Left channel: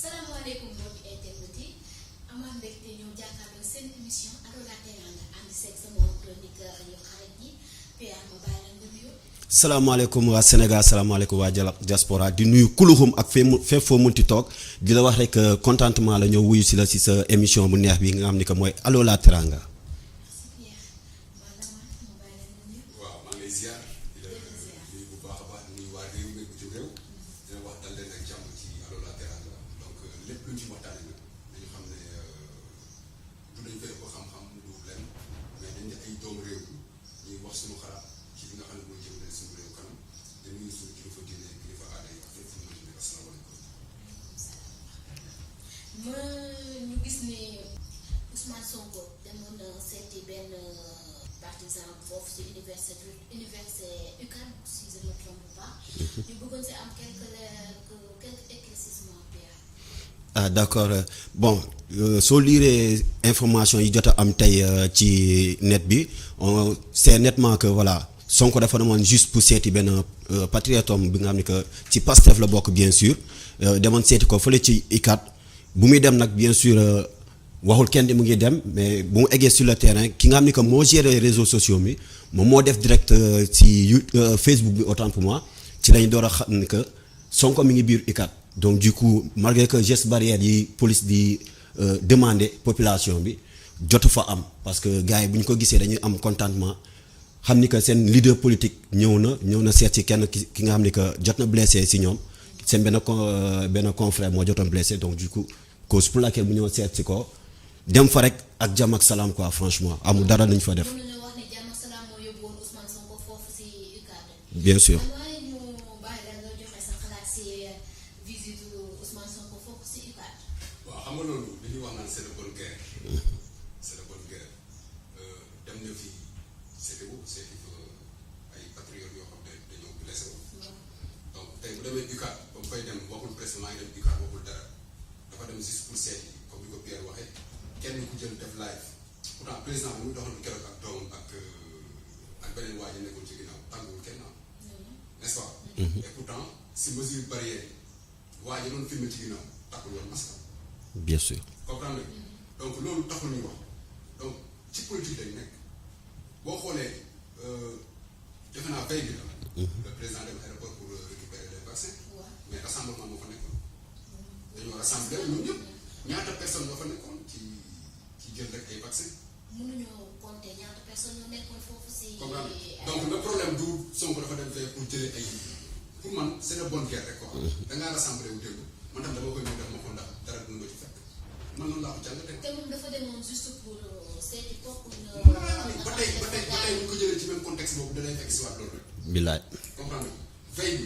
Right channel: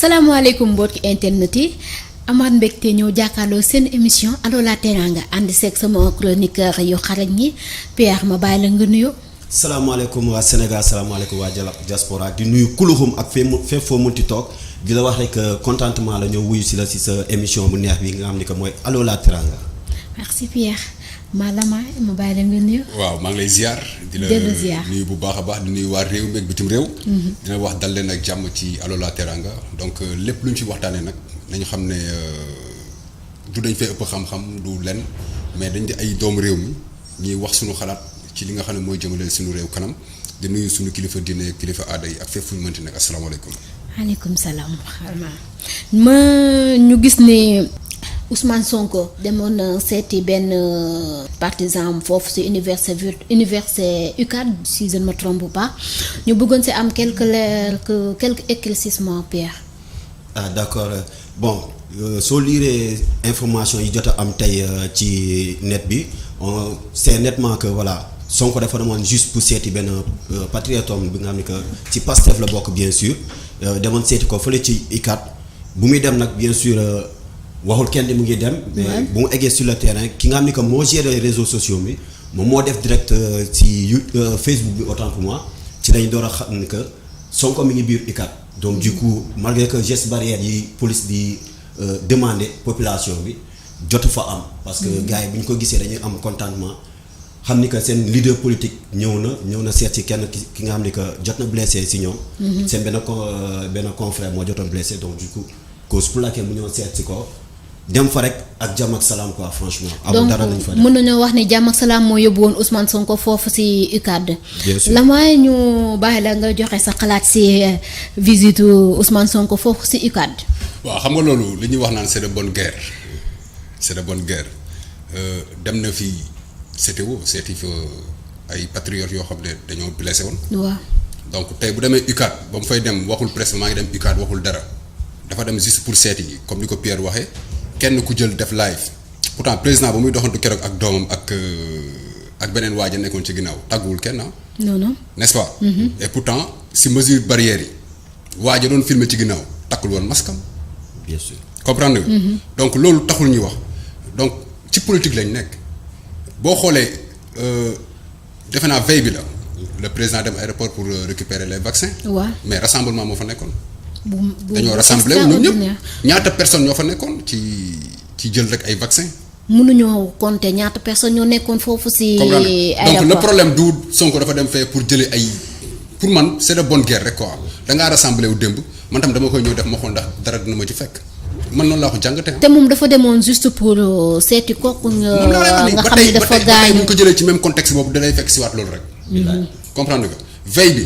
salaamaaleykum mbokki internet yi amaat mbégte ñëw jàkkaarloo seen émission Allo la Teranga ànd seeg sama chroniqueur yu xarañ ñi Pierre ma bàyyi la nga nuyu. salaamaaleykum waa Sénégal salaamaaleykum waa diaspora di nuyu kuluxum ak fépp foo munti toog di la wax rek contentement la ñëw wuyu si la si sa émission bu neex bi nga xam ni que mooy Allo la Teranga. merci Pierre Malama ma bàyyi la nga nuyu. waaw maa ngi lay ziar. di la nuyu bu baax a baax di nuyu waa réew mi ak bitim réew. dina wax dal leen ak jàmm ci Allo la Teranga donc lépp lu ñu fi waxtaanee nag nañu xam ne du dañ fay ëpp xam-xam du len mais dañ di ay doomu réew mi ñuy wax suñu xalaat ci li nga xam ne mooy jëmale suñu réew kanam di nuyu suñu kilifa diine kilifa aada yi ak fépp fu ñu mënti nag asalaamaaleykum. maaleykum salaam ma ñu gis ne Ousmane Sonko demoon na seeti benn partisan foofu ci université UCAD si je ne me trompe pas ñu bëggoon ci am quelques éclaircissements Pierre. ah d'accord bon soo liiree information yi jot a am tey ci net bi on sait nettement que voilà Sonko dafa demoon juste pour seeti benn patriote bi nga xam ni que ci Pastef la bokk bien sûr demoon seeti ko fële ci UCAD bu muy dem nag bien sûr waxul kenn di mu ngi dem mais bu mu eggee sur le terrain ki nga xam ni que moo géré réseaux sociaux bi moom moo def direct ci Facebook bi autant pour moi ci lañ door a xam ni que Sonko mi ngi biir UCAD. donc du coup malgré que geste barrière yi police di demander population bi jotu fa am parce que gars yi bu ñu ko gisee dañuy am contentement xam ni que seen leader politique ñëw na seet si kenn ki nga xam ni que jot na blessé si ñoom. seen benn confrère moo jotoon blessé donc du coup cause pour laquelle mu ñëw seet si ko dem fa rek ak jàmm ak salaam quoi franchement. amul dara lañ fa def donc mën nañoo wax ne jàmm ak salaam moo yóbbu woon Ousmane Sonko foofu ci UCAD. bien sûr la mooy ñu bàyyi la nga joxe sa xalaat ci visite Ousmane Sonko foofu ci UCAD. waaw xam nga loolu li ñuy wax naan c'est de bonne guerre c'est de bonne guerre dem na fi CTO seeti fa ay patriotes yoo xam ne dañoo blessé woon. waaw donc tey bu demee UCAD ba mu fay dem waxul presse maa ngi dem UCAD waxul dara dafa dem juste pour seeti yi comme ni ko Pierre waxee. kenn ku jël def live pourtant président ba muy doxantu keroog ak doomam ak beneen waaj a nekkoon ci ginnaaw tàgguwul kenn non non n'est-ce pas. Et pourtant si mesure barrière yi waaj a doon filmer ci ginnaaw takkul woon maskam. bien sûr comprendre nga. donc loolu taxul ñuy wax donc ci politique lañ nekk boo xoolee defe naa veille bi la. le président dem aéroport pour récupérer les vaccins. waaw mais rassemblement moo fa nekkoon. dañoo dañoo rassemblé wu ñoom ñëpp ñaata personnes ñoo fa nekkoon ci jël rek ay vaccin. mënuñoo compter ñaata personnes ñoo nekkoon foofu ci aéroport donc le problème du Sonko dafa dem fee pour jëlee ay pour man c'est de bonne guerre rek quoi da ngaa rassemblé wu démb man tam dama koy ñëw def ma xool ndax dara dina ma ci fekk man noonu laa ko jàngatee. te moom dafa demoon juste pour seeti kooku nga xam ne dafa gaañu bu ñu ko jëlee ci même contexte boobu da lay fekk si waat loolu rek. billaay comprendre nga veille bi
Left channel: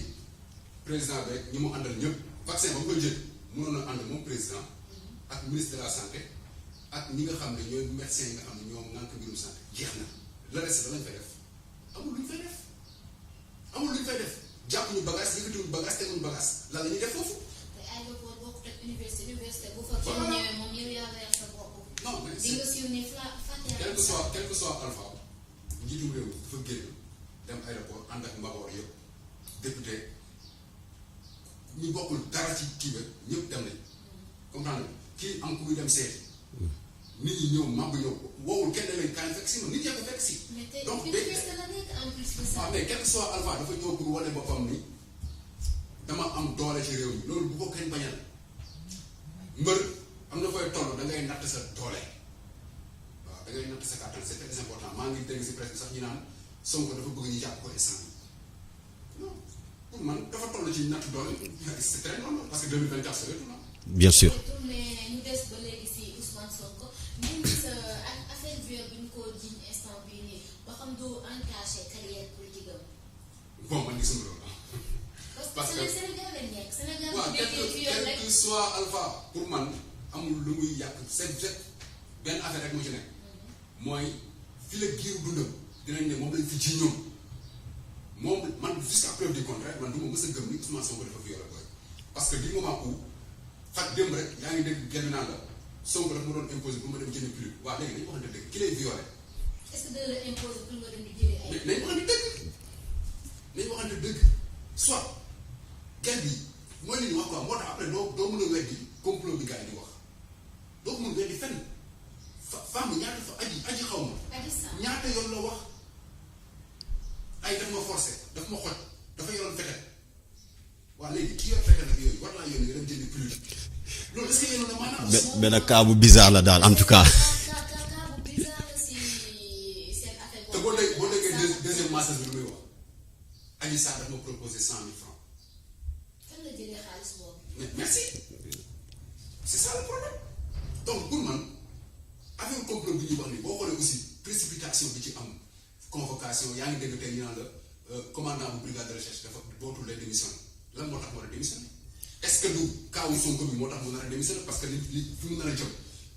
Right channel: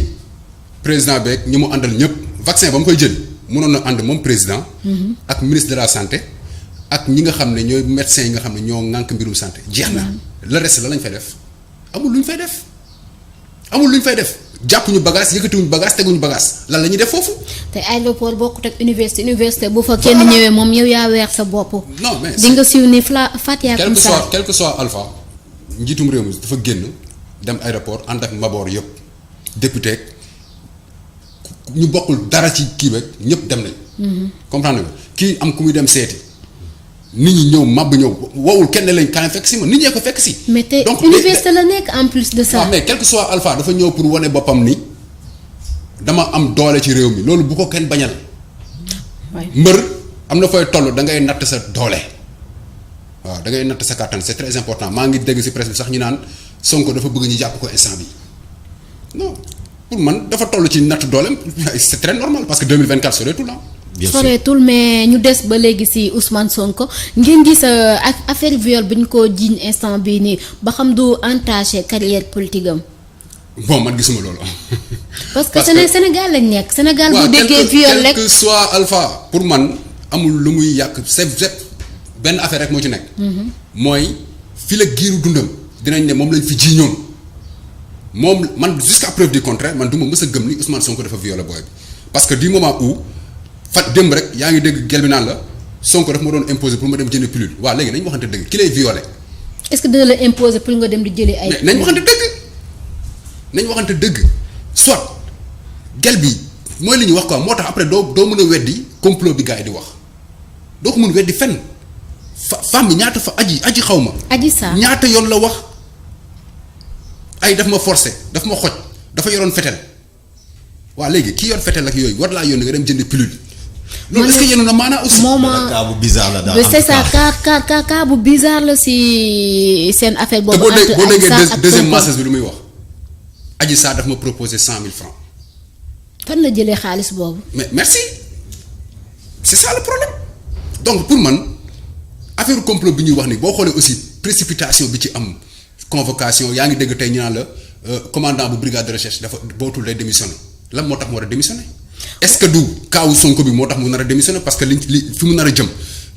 président beeg ñi mu àndal ñëpp. vaccin ba mu koy jël mënoon na ànd moom président. ak ministre de la santé ak ñi nga xam ne ñooy médecins yi nga xam ne ñoo ŋànk mbirum santé jeex na. le reste la lañ fay def amul lu ñu fay def jàpp ñu bagage yëkkatiwuñu bagage teguñu bagage lan la ñuy def foofu. te aéroport bokkut ak université bu fa kenn ñëwee moom yow yaa weer sa bopp. non mais di nga siiw ni Fatia comme ça quel que soit Alpha njiitum réew mi dafa génn dem aéroport ànd ak mbaboor yëpp député. ñu bokkul dara ci kii beeg ñëpp dem nañ. comprendre nga kii am ku muy dem seeti nit ñi ñëw màbb ñëw wowul kenn lañ kaay fekk si ma nit ñee ko fekk si. mais te université la nekk en plus de ça. waaw mais quel que soit Alpha dafa ñëw pour wane boppam ni dama am doole ci réew mi loolu bu ko kenn bañal. mbër am na fooy toll da ngay natt sa doole. waaw da ngay natt sa kàttan c'est très important maa ngi dégg ci presse bi sax ñu naan Sonko dafa bëgg ñu jàpp ko instant bi non. pour man dafa toll ci natt dooleem c'est très normal parce que 2024 soreetul la. bien sûr soreetul mais ñu des ba léegi ci Ousmane Sonko ngeen gis ak affaire viol bi ñu ko jiiñ instant bii nii ba xam du entaché carrière politique am. bon man gisuma loolu. parce que Sénégal lañ nekk. Sénégal bu déggee viol rek quel que soit Alpha pour man amul lu muy yàq c'est benn affaire rek moo ci nekk. mooy fi la giiru dundam dinañ ne moom lañ fi ji ñoom. moom man jusqu'à preuve du contraire man du ma mës a gëm ni Ousmane Sonko dafa violé booy bi parce que du moment où démb rek yaa ngi dégg gel bi naan la Sonko dafa ma doon imposer pour ma dem jënd pilule waaw léegi nañ waxante dëgg ki lay violé. est-ce que dina la imposer pour nga dem di jëli ay. nañ waxante dëgg soit gel bi mooy li ñuy wax quoi moo tax après doo mën a weddi complot bi gars yi di wax doo ko mën weddi fenn femme bi ñaata fa aji xaw ma. Adji Sarr ñaata yoon la wax ay daf ma forcé daf ma xoj dafa yoroon fetel waa léegi ki yor fetel ak yooyu war laa yónni nga dem jënd pilule. loolu est-ce que yéen a maanaa aussi. benn cas bu bizarre la daal en tout cas cas bu bizarre la si seen affaire boobu. te boo déggee deuxième message bi lu muy wax Adji Sarr daf ma proposé 100 000 francs. fan la jëlee xaalis boobu. mais merci c'est ça le problème donc pour man affaire complot bi ñuy wax ni boo xoolee aussi précipitation bi ci am convocation yaa ngi dégg tey ñu naan la commandant bu brigade de recherche dafa bootul lay démissionné lan moo tax mu war a démissionné est-ce que du kaawu Sonko bi moo tax mu nar a démissionné parce que li fi mu nar a jëm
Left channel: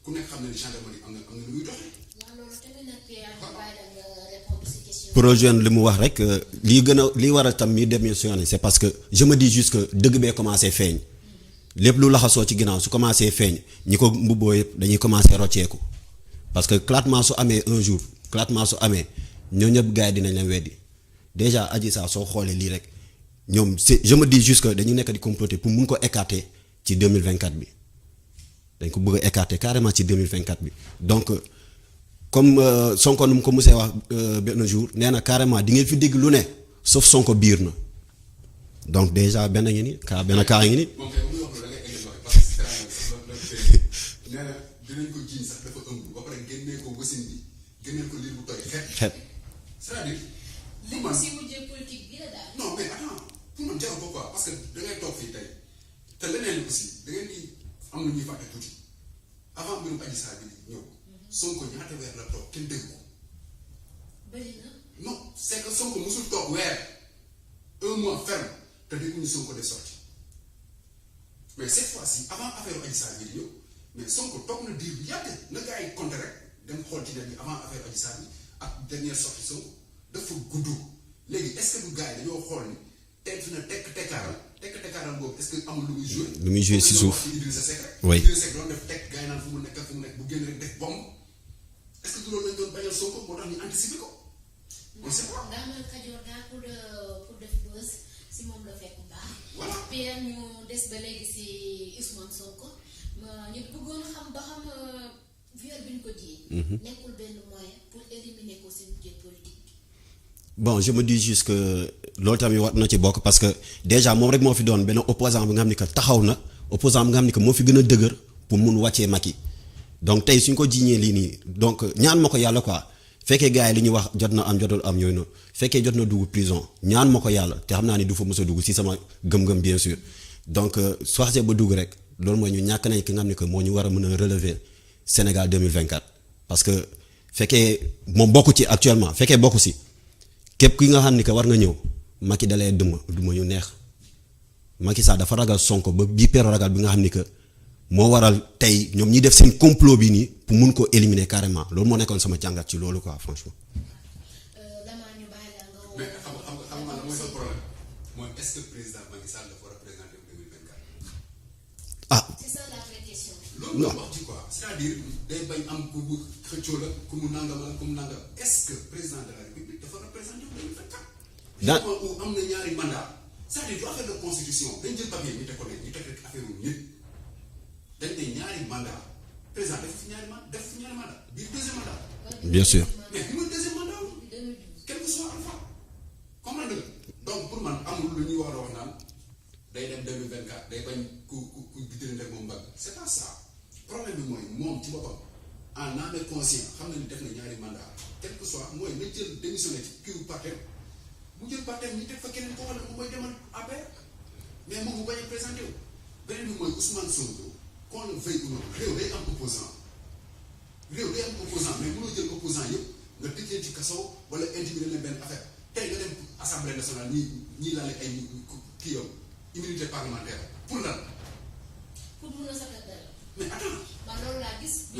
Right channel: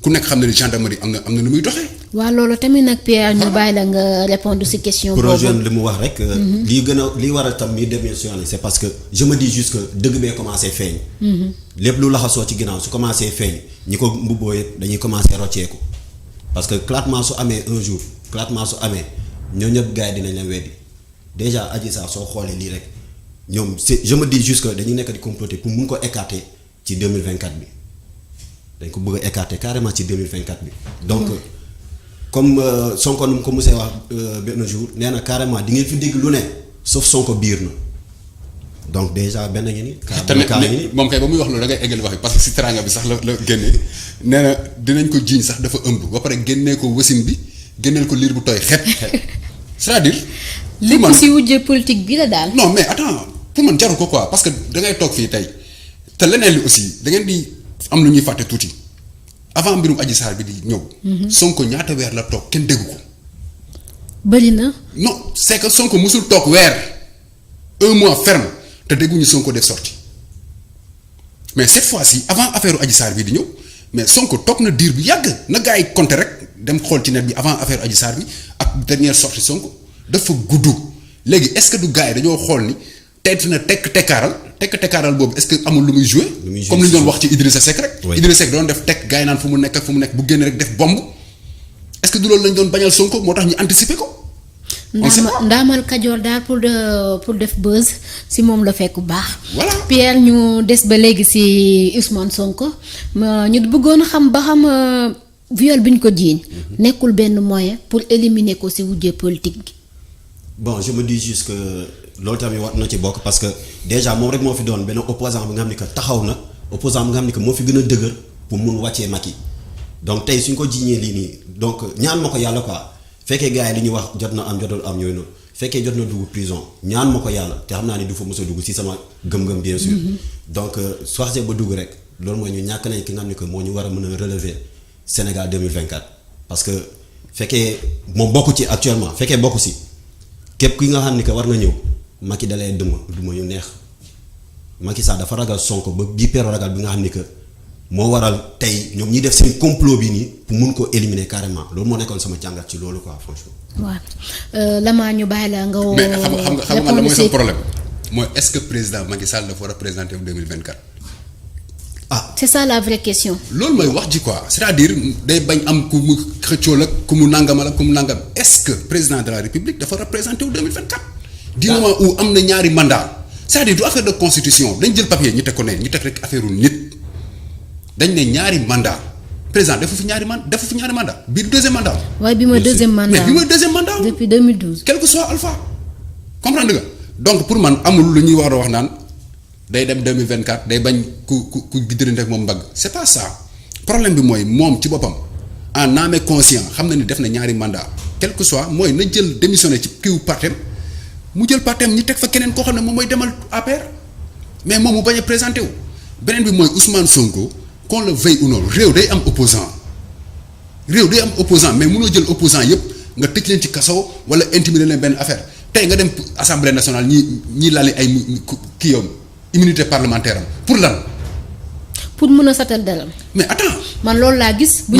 ku nekk xam ne ni gendarmerie am na nu muy doxee. waaw loolu tamit nag Pierre ñu bàyyi la nga répondre ci question. projet li mu wax rek. lii waral tam mi démissionné c'est parce que je me dis juste que dëgg bee commencé feeñ. lépp lu laxasoo ci ginnaaw su commencé feeñ ñi ko mbubboo yëpp dañuy commencé rocceeku parce que éclatement su amee un jour éclatement su amee ñoo ñëpp gars yi dinañ leen weddi déjà Adji Sarr soo xoolee lii rek ñoom c'est je me dis juste que dañu nekk di comploter pour mun ko écarter ci 2024 bi dañ ko bëgg a écarter carrément ci 2024 bi donc comme Sonko nu mu ko musee wax benn jour nee na carrément di ngeen fi dégg lu ne sauf Sonko biir na donc déjà benn ngi ni benn kaa ngi ni moom kay ba muy wax loolu da ngay eggal wax bi parce que si teranga bi sax la génnee nee na dinañ ko jiiñ sax dafa ëmb ba pare génnee ko wasin bi génneel ko liir bu tooy xet c'est-à-dire lépp si wujje politique bi la daal. non mais attends pour man jarul ko quoi parce que da ngay toog fii tey te leneen li aussi da ngeen di am lu ñuy fàtte tuuti avant mbirum Adji Sarr bi di ñëw. Sonko ñaata weer la toog kenn déggu ko. bëri na. non c'est que Sonko musul toog weer 1 mois ferme te dégguñu Sonko def sorti mais cette fois-ci avant affaire Adji Sarr bi di ñëw mais Sonko toog na diir bu yàgg na gars yi compter rek dem xool ci net bi avant affaire Adji Sarr bi ak dernière sortie Sonko dafa gudd léegi est-ce que du gars yi dañoo xool ni tey na tekkaaral boobu est-ce que amul lu muy jouer comme li ñu doon wax ci Idrissa Seck rek. Idrissa Seck doon def tekk gars yi naan fu mu nekk bu génn rek def bomb est-ce que du loolu lañ doon bañal Sonko moo tax ñu anticiper ko. ndaamal Kajoor daal pour def buzz si moom la fekk bu baax. voilà Pierre ñu des ba léegi si Ousmane Sonko ñu bëggoon xam ba xam viol bi ñu ko jiiñ nekkul benn moyen pour éliminer ko si wujje politique gi. bon je me dis juste que loolu tamit war na ci bokk parce que déjà moom rek moo fi doon benn opposant bi nga xam ni que taxaw na opposant bi nga xam ni que moo fi gën a dëgër pour mun wàccee Macky donc tey suñ ko jiiñee lii nii donc ñaan ma ko yàlla quoi fekkee gars yi li ñuy wax jot na am jotul am yooyu noonu fekkee jot na dugg prison ñaan ma ko yàlla te xam naa ni du fa mës a dugg si sama gëm-gëm bien sûr donc su waxee ba dugg rek loolu mooy ñu ñàkk nañ ki nga xam ni que moo ñu war a mën a relever Sénégal 2024 parce que fekkee moom bokku ci actuellement fekkee bokku si képp ki nga xam ni que war nga ñëw Macky dalee duma yu neex Macky Sall dafa ragal Sonko ba bii peero ragal bi nga xam ni que moo waral tey ñoom ñi def seen complot bi nii pour mun ko éliminer carrément loolu moo nekkoon sama jàngat ci loolu quoi franchement. waaw Lama ñu bàyyi la nga woo. mais xam nga la mooy sa problème mooy est-ce que président Macky Sall dafa war a présenter en 2024. c'est ça la vraie question. loolu mooy wax ji quoi c'est-à-dire day bañ am ku mu xëccoo la ku mu nangamal ak ku mu nangam est-ce que président de la République dafa représenter wu 2024. du moment où am na ñaari mandat c'est-à-dire du affaire de constitution dañ jël papier ñu teg ko ne ñu teg rek affaire nit dañ ne ñaari mandat président defu fi ñaari mandat bii du deuxième mandat. waaye bi mooy deuxième mandat mais bi mooy deuxième mandat. depuis 2012. quel que soit alpha comprendre nga donc pour man amul lu ñuy war a wax naan. day dem 2024 day bañ ku giddërante ak moom mbagg c'est pas ça problème bi mooy moom ci boppam en âme et conscience xam na ni def na ñaari mandat quel que soit mooy na jël démissionné ci kiw partem mu jël partem ñi teg fa keneen koo xam ne moom mooy demal APR mais moom mu bañ a présenté wu beneen bi mooy Ousmane Sonko qu'on le veuille ou non réew day am opposant mais mënoo jël opposant yépp nga tëj leen ci kaso wala intimider leen benn affaire tey nga dem assemblée nationale ñi lali ay kii yoon immunité parlementaire am pour lan. pour mën a satal dalam. mais attends. man loolu laa gis. bu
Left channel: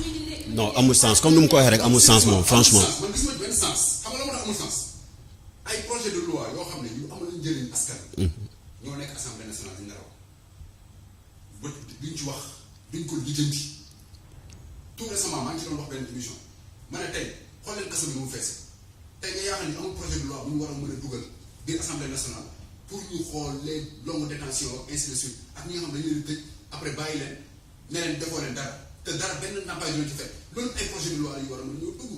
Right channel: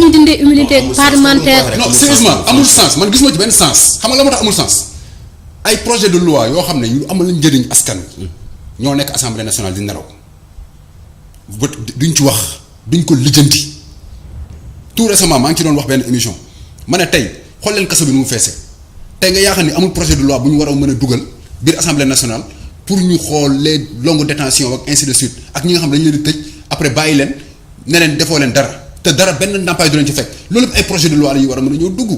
ñu dindee immunité parlementaire. non sérieusement amul sens man gisuma ci benn sens. xam nga la moo tax amul sens ay projet de loi yoo xam ne ñu amal lañ njëriñ askan ñoo nekk assemblée nationale di nelaw duñ ci wax duñ ko lijjanti tout récemment maa ngi ci doon wax benn émission ma ne tey xool leen kaso bi nu mu feese tey nga yaakaar ni amul projet de loi bu ñu war a mën a dugal biir assemblée nationale. pour ñu xool les longues détentions ak ainsi de suite ak ñi nga xam ne dañu leen di tëj après bàyyi leen ne leen defoo leen dara te dara benn ndàmpaay du leen ci fekk loolu ay projet de loi la yu war a mën a ñëw dugg.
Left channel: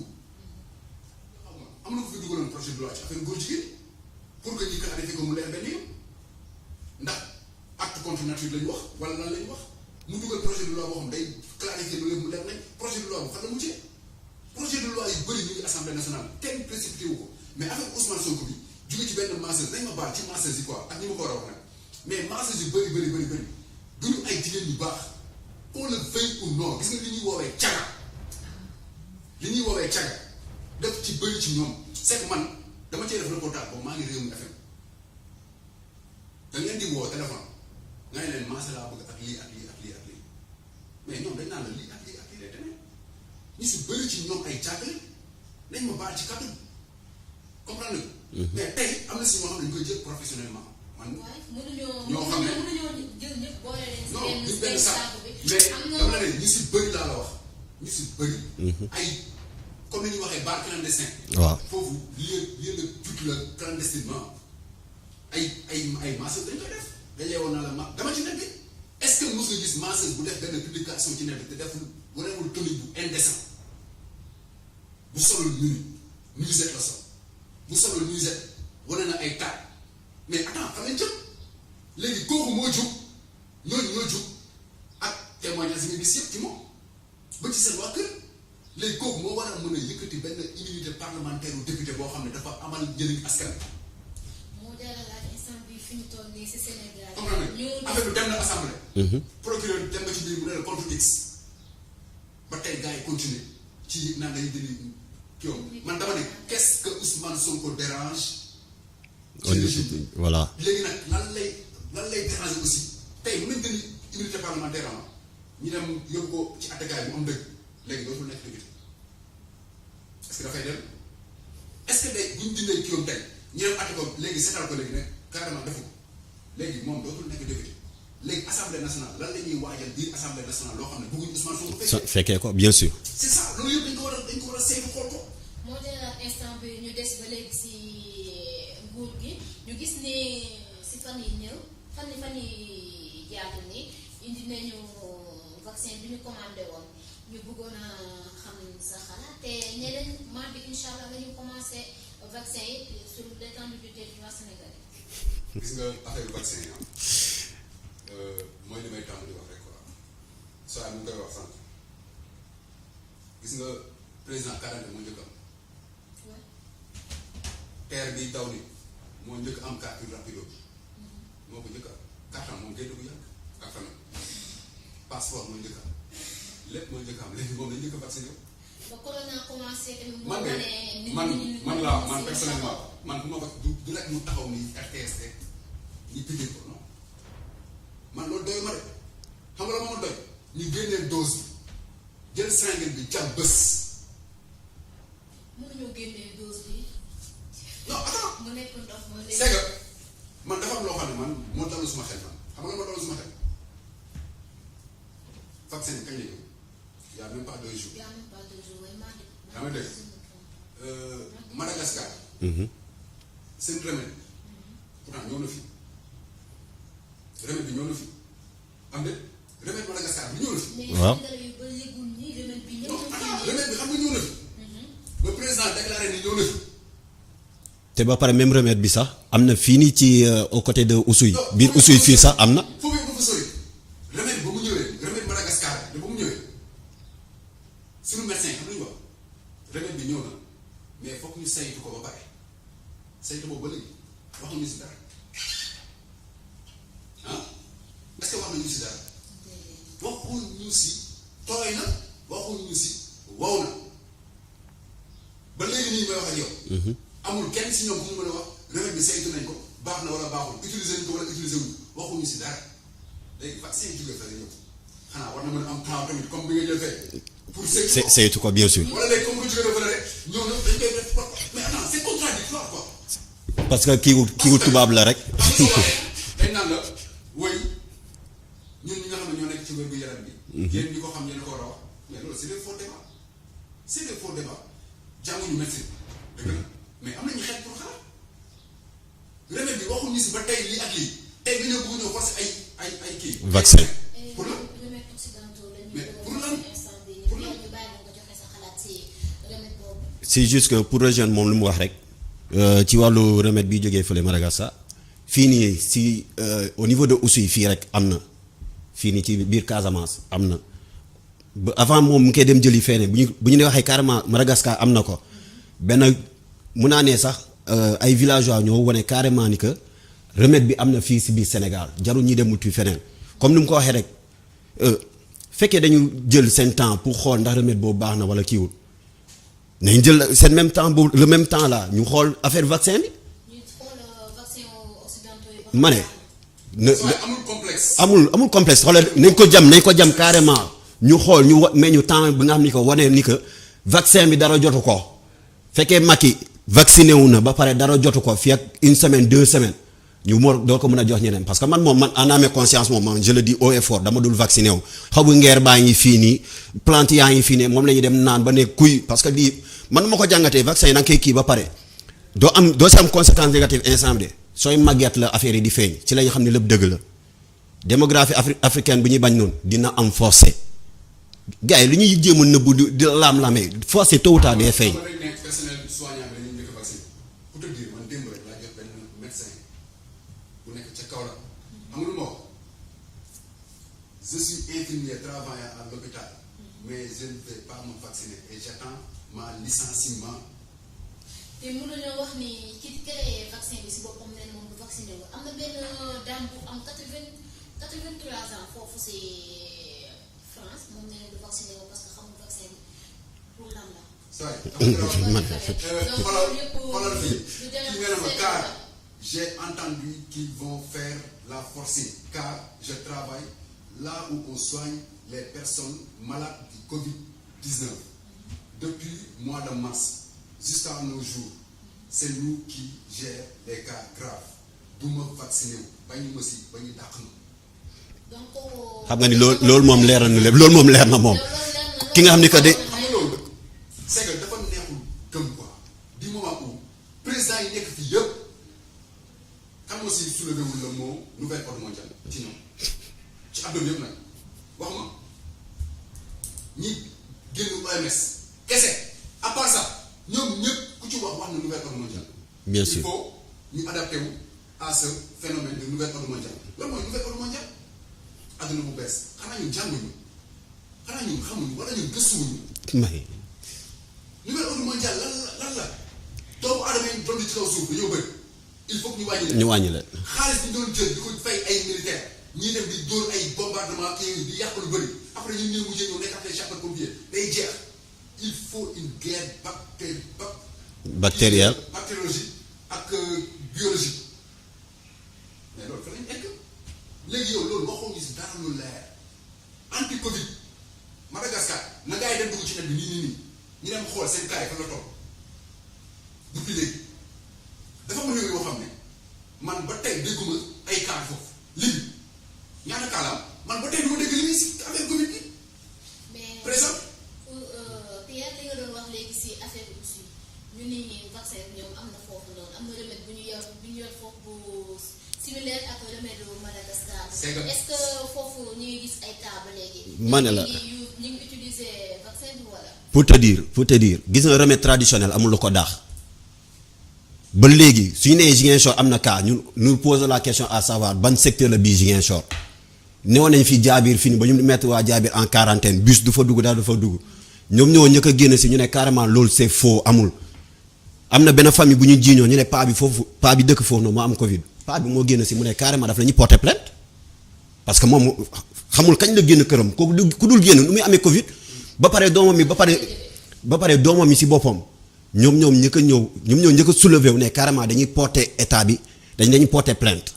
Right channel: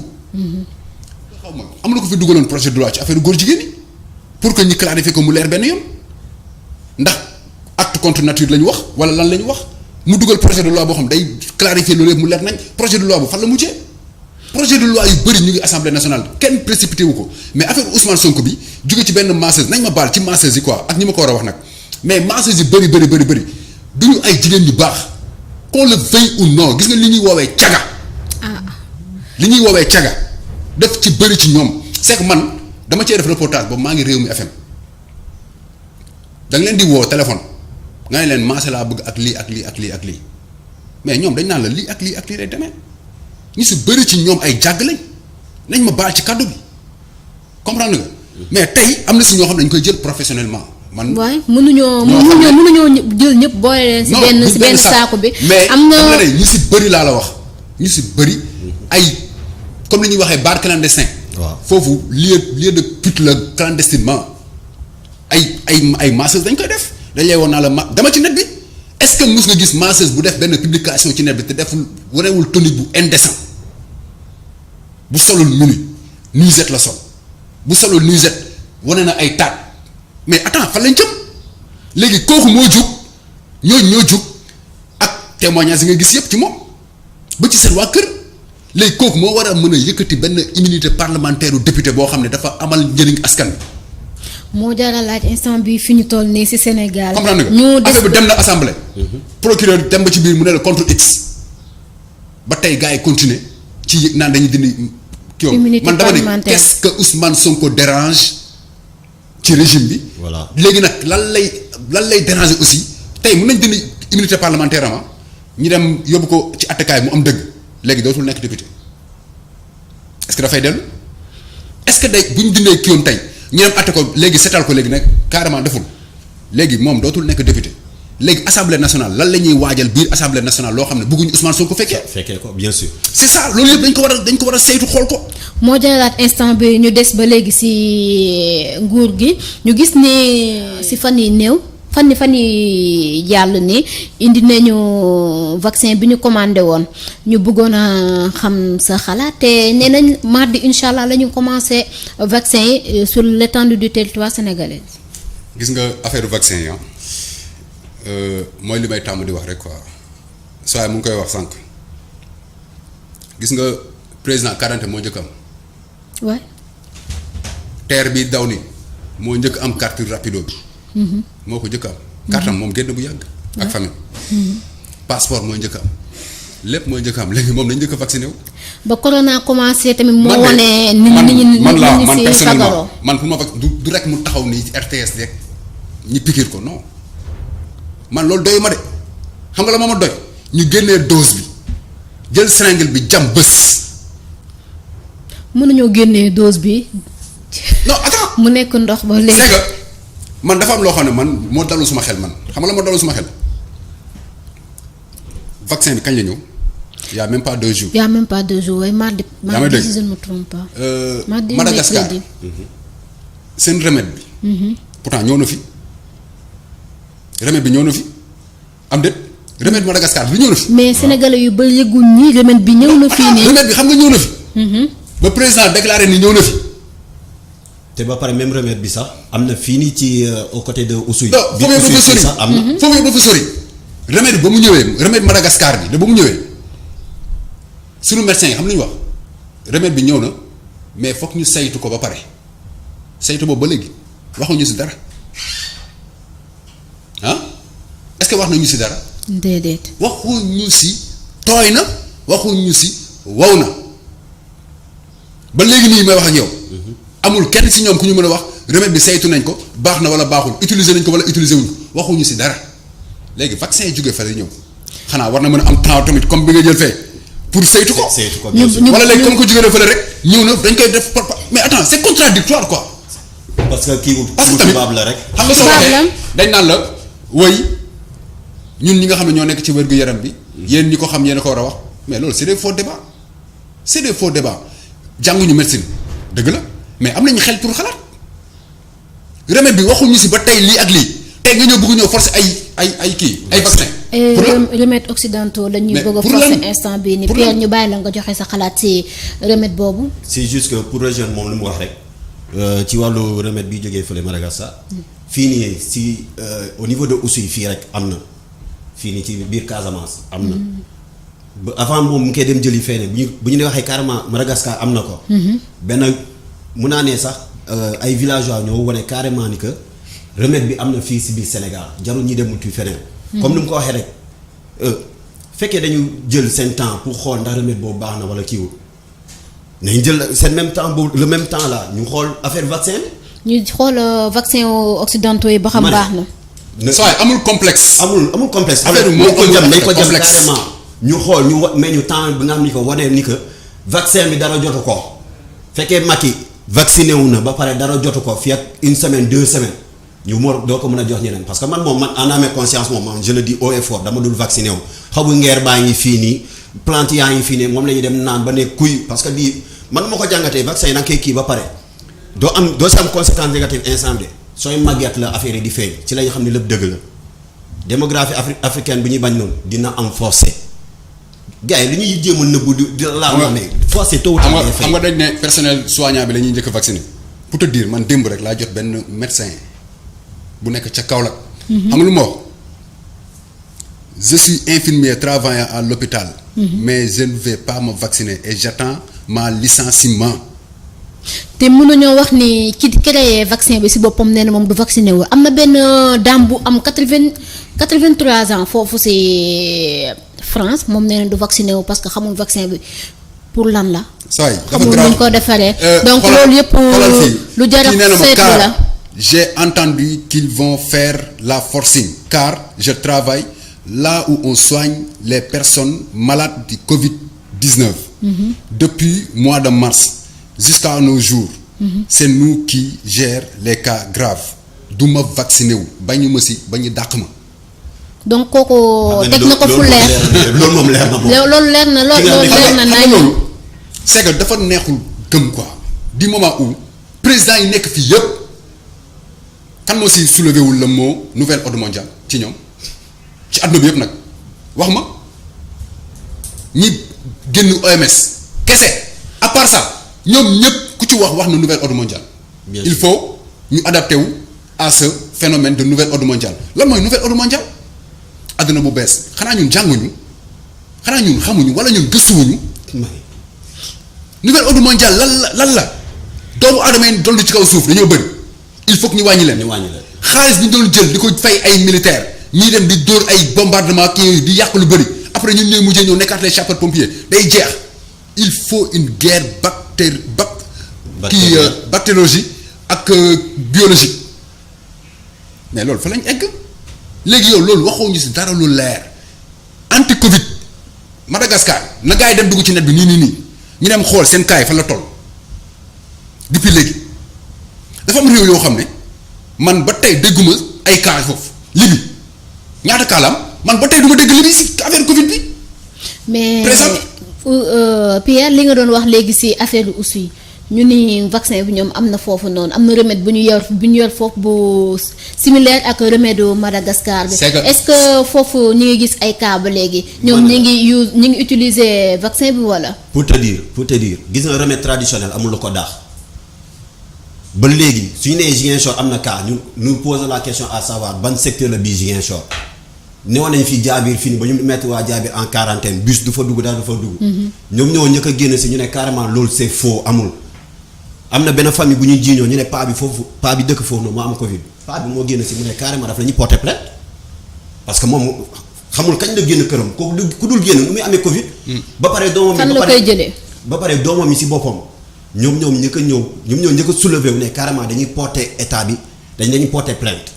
xaw ma am na ko fi duggaloon projet de loi ci affaire góor jigéen ñi pour que ñu clarifier ko mu leer benn yoon ndax acte contre nature la ñu wax wala lan la ñu wax mu dugal projet de loi boo xam day clarifier loolu yëpp mu leer nañ projet de loi bu fan la mujjee. projet de loi yu bëri ñu ngi assemblée nationale kenn précipité wu ko mais affaire Ousmane Sonko bi jóge ci benn masseuse nañ ma baal ci masseuse yi quoi ak ñi ma ko war a wax nag mais masseuse yi bëri du ñu ay jigéen yu baax qu'on le veuille ou non gis nga li ñuy woowee caga. li ñuy woowee caga def ci bëri ci ñoom c'est que man dama cee def reportage boobu maa ngi Rewmi FM da nga leen di woo téléphone nga ne leen maase laa bëgg ak lii ak lii ak lii ak lii mais ñoom dañ naan la lii ak lii ak lii lay demee. ñu si bëri ci ñoom ay jàgg lañ nañ ma baal ci kàddu bi comprendre nga. mais tey am na si ñoo xam ne dañ koy jël professionnellement man. waaye mënuñoo jël ñëpp boole leen. si benn saako bi. mais am na ñu si bëri laa la wax ñu si bëri. ay comme li ñuy waxee bar clandestin. waaw foofu lieu de pute la clandestinement ay masseuse dañ koy def dañ lay woon naa la dama ci net bi. est-ce que mos nga gis masseuse bu def benn publication ci net bi te deful warewul tenue bu indécent bu solul nuisette la sol bu solul nuisette wane na ay taat mais attends fan lañ jëm léegi kooku moo jug ñoo jug ak témoignage yi nga gis yëpp ci moom ba ci seen waa kër léegi kooku moo war a mën a yëkkati benn immunité parlementaire u député boo xam ne dafa amal njëriñ askan bi. moo jaara laaj instant bi fi ñu toll nii ci Sénégal. comprendre nga affaire bi dem na assemblée. procureur dem ba ci biir mu ne la contre X. ba tey gars yi continuer ci naan dañuy dindi. immunité man dama ne parlementaire qu'est-ce que Ousmane Sonko dérange ci régime bi. voilà léegi nag lan lay déranger aussi tey mën nañ dindi immunité parlementaire ama ñu dem yóbbu ko ci attekaay mu am dëgg léegi dootul nekk député est-ce que dafay dellu est-ce que day bu ñu dindee kii yoon tey. ñu dem atte ko léegi setal ko léegi nag carrément deful léegi moom dootul nekk député léegi assemblée nationale lan la ñuy waajal biir assemblée nationale loo xam ne bëgguñu Ousmane Sonko fekkee ko bien sûr. c'est ça loolu yëpp dañ ko war a saytu xool ko. moo jëlaat instant bi ñu des ba léegi ci nguur gi ñu gis ne ci fan yi néew fan yi jàll ni indi nañu vaccin bi ñu commandé woon ñu bëggoon a xam sa xalaat te nee nañ mardi incha allah la ñu commencé vaccin yi sur l'étendue du territoire sénégalais. gis nga affaire vaccin yi mooy li may tàmm di wax rek quoi saa mu ngi koy wax sànq gis nga président 40 moo njëkk am. waay. terre bi daw ni moo njëkk am carte rapido bi. moo ko njëkk am. carte am moom génn bu yàgg. ak famille. passeport mooy njëkk am lépp mooy njëkk am léegi moom dañ njëkk a vacciné wu. ba corona commencé tamit moo wane. man personnellement man pour ma du rek mu taxaw ni RTS rek ñi piquer ko non man loolu doy ma de xam nga la ma doy ñu génnee dose bi jël seringue bi jam bés. mën nañoo génnee dose bi. non attends mu nekk ndox ba léegi. c'est que man dafa am loo xam ne man moo dalul suma xel man xam nga la moo dalul suma xel vaccin bi kañ la ñëw y a même pas 2 jours. y a même pas 2 jours waaye mardi. yaa may dégg si je ne me trompe pas. mardi Madagascar seen remède bi. pourtant ñëw na fi remède bi ñëw na fi am déet remède Madagascar bi ñëw na fi. mais sénégalais yu ba yëgul nii remède bi ñëw na fii nii. remède bi xam nga ñëw na fi. ba président déclaré ni ñëw na fi. te ba pare même remède bi sax am na fii nii ci au côté de Oussouye. bi Oussouye fii sax am na. foofu yëpp dafa sori. remède bi ba mu ñëwee remède Madagascar bi da ba mu ñëwee sunu médecin yi xam nañu wax remède bi ñëw na mais foog ñu saytu ko ba pare saytu boobu ba léegi waxuñu si dara ah est-ce que wax nañu si dara. déedéet. waxuñu si tooy na waxuñu si wow na ba léegi nii may wax ak yow. amul kenn si ñoom ku ñu mën a wax remède bi saytu nañ ko baax na wala baaxul utiliser nañ ko wala utiliser wuñ ko waxuñu si dara léegi vaccin yi jógee fa lay ñëw xanaa war na mën a am temps tamit comme bi nga jël fee pour saytu ko. saytu ko bien sûr. wala léegi comme ko jógee fële rek ñëw na dañ koy def mais attends c'est contradictoire quoi. parce que kii tubaab la rek. xam nga soo waxee dañ naan la woy ñun ñi nga xam ne ñoo nekk ci wér-gu-yaram bi. yéen ñi ko xam yéen a ko war a wax mais loolu c'est des faux débats c'est des faux débats jànguñu médecine dëgg la mais am nañu xel pour xalaat remède bi waxuñu si ba tey lii ak lii tey nga ñëw bëgg ñëw forcer ay kii. ay vaccin pour lan remèdes occidentaux la ñuy Mais bëgg a pour forcer lan? instant bii nii Pour Pierre lan? ñu bàyyi la nga joxe sa xalaat ci remède boobu. c'est juste que pour rejoindre moom lu mu wax rek ci wàllu remède bi jógee fële Madagascar fii nii si au niveau de Oussouye fii rek am na fii nii ci biir Casamance am na ba avant moom mu koy dem jëli feneen bu ñu waxee carrément Madagascar am na ko. benn mun naa ne sax ay villageois ñoo wane carrément ni que remède bi am na fii si biir Sénégal jarul ñi dem wuti feneen. comme ni mu ko waxee rek fekkee dañu jël seen temps pour xool ndax remède boobu baax na wala kiiwul nañ jël seen même temps boobu le même temps là ñu xool affaire vaccin bi. ñu xool vaccin occidentaux yi ba xam ma ne baax na. saa yi amul complexe. amul complexe. Affaire bi nañ ko jam nañ ko jam complexe. carrément. ñu xool ñu mais ñu temps bi nga xam ni ko wane ni que vaccin bi dara jotu ko fekkee Macky vacciné wu na ba pare dara jotu ko fii ak une semaine 2 semaines ñu mor doo ko mën a jox ñeneen parce que man moom man en âme et conscience moom man je le dis haut et fort dama dul vacciné wu xabu ngeer baa ngi fii nii plante yaa ngi fii nii moom la ñuy dem naan ba ne kuy parce que di man ma ko jàngatee vaccin yi da nga koy kii ba pare doo si am conséquence négative instant de sooy màgget la affaire yi di feeñ ci la ñu xam ne lépp dëgg la démographie africaine bi ñuy bañ noonu dina am forcé gars yi li ñuy jéem a nëbbu di laam-laamee forcé tôt ou tard day feeñ. xam nga dañ ne personnel soignant bi la ñuy njëkk a vacciné pour te dire man démb rek laa jot benn médecin bu nekk ca Kaolack. xam nga lu ma wax je suis infirmier travaillant à l'hôpital mais je ne vais pas me vacciner et j'attends ma licenciement. te mënuñoo wax ni ki créé vaccin bi si boppam nee na moom du vacciné wu am na benn dame bu am 83 ans foofu si France moom nee na du vacciné wu parce que xamul vaccin bi pour lan la. saa yi dafa xamul grave nuñ ko defaree. donc xoolal- loolu yëpp xoolal fii. lu jar a Kii nee na ma, seetlu car la. j'ai entendu qu'ils vont faire la forcing car je travaille là où on soigne les personnes malades du Covid-19 depuis mois de mars jusqu'à nos jours c'est nous qui gère les cas graves du ma vacciné wu bañu ma si bañu dàq ma. donc kooku xam nga teg ni na ko fu loolu moom leer leer na loolu moom leer na moom. loolu leer na Ki nga xam loolu ni que leer de- na xam nga nañ loolu c'est que dafa neexul gëm quoi du moment où président yi nekk fii yëpp kan moo si soulevé wul le mot nouvel ordre mondial ci ñoom ci àdduna bi yëpp nag wax ma ñi génn OMS kese à part ça ñoom ñëpp ku ci wax na nouvel ordre mondial. Bien il sûr. faut ñu adapté wu à ce phénomène de nouvel ordre mondial lan mooy nouvel ordre mondial àdduna bu bees xanaa ñun jànguñu xanaa ñun xamuñu wala ñun gëstuwuñu. nouvel ordre mondial lan la doomu aadama yi dolli ci kaw suuf dañoo bëri il faut que ñu wàññi leen. ñu wàññi la. xaalis bi ñu doon jël di ko fay ay militaires ñii dem di dóor ay bombardement kii di yàq lu bëri après ñun ñooy mujjee ñëw nekkaat les sapeurs pompiers day jeex il faut une guerre Bactérienne. bactériologie ak biologique mais loolu fa lañ egg léegi yow loolu waxoo ñu si dara lu leer anti Covid Madagascar na gars yi dem dugg ci net bi nii ñu dem xool seen cas yi fan la toll depuis léegi dafa am réew yoo xam ne man ba tey dégguma ay cas foofu Libye ñaata cas la am man ba tey du ma dégg Libye si affaire Covid bi. mais Présente. Pierre li nga doon wax léegi ci affaire bi aussi ñu ni vaccin bi ñoom am na foofu noonu am na remède bu ñu yor foofu bu similaire ak remède u Madagascar bi. C'est que- est-ce que foofu ñu ngi gis ay cas ba léegi. ñoom Man la. ñu ngi utiliser vaccin bi wala. pour te dire gis nga remède traditionnel amul lu ko daax ba léegi suñu nee Ziguinchor am na cas ñu pose la question à savoir ban secteur la bii Ziguinchor newoon nañ fi jaabir fii nii ba ñu mettre waa jaabir en quarantaine bus du fa dugg daal du fa dugg. ñoom ñoo njëkk a génn si ñu ne carrément loolu c'est faux amul. am na benn famille bu ñu jiiñoo ñu ne paa bi dëkk foofu noonu moo am Covid paa bi moo génn si mu ne carrément daf la ñuy porter plainte parce que moom xamul kañ la génn këram kooku ku dul génn nu muy amee Covid. ba pare doomam mi fan la koy jëlee. ba pare doomam mi si boppam ñoom njëkk a ñëw ñoom ñoo njëkk a soulever wu ne carrément dañuy porter état bi dañuy porter plainte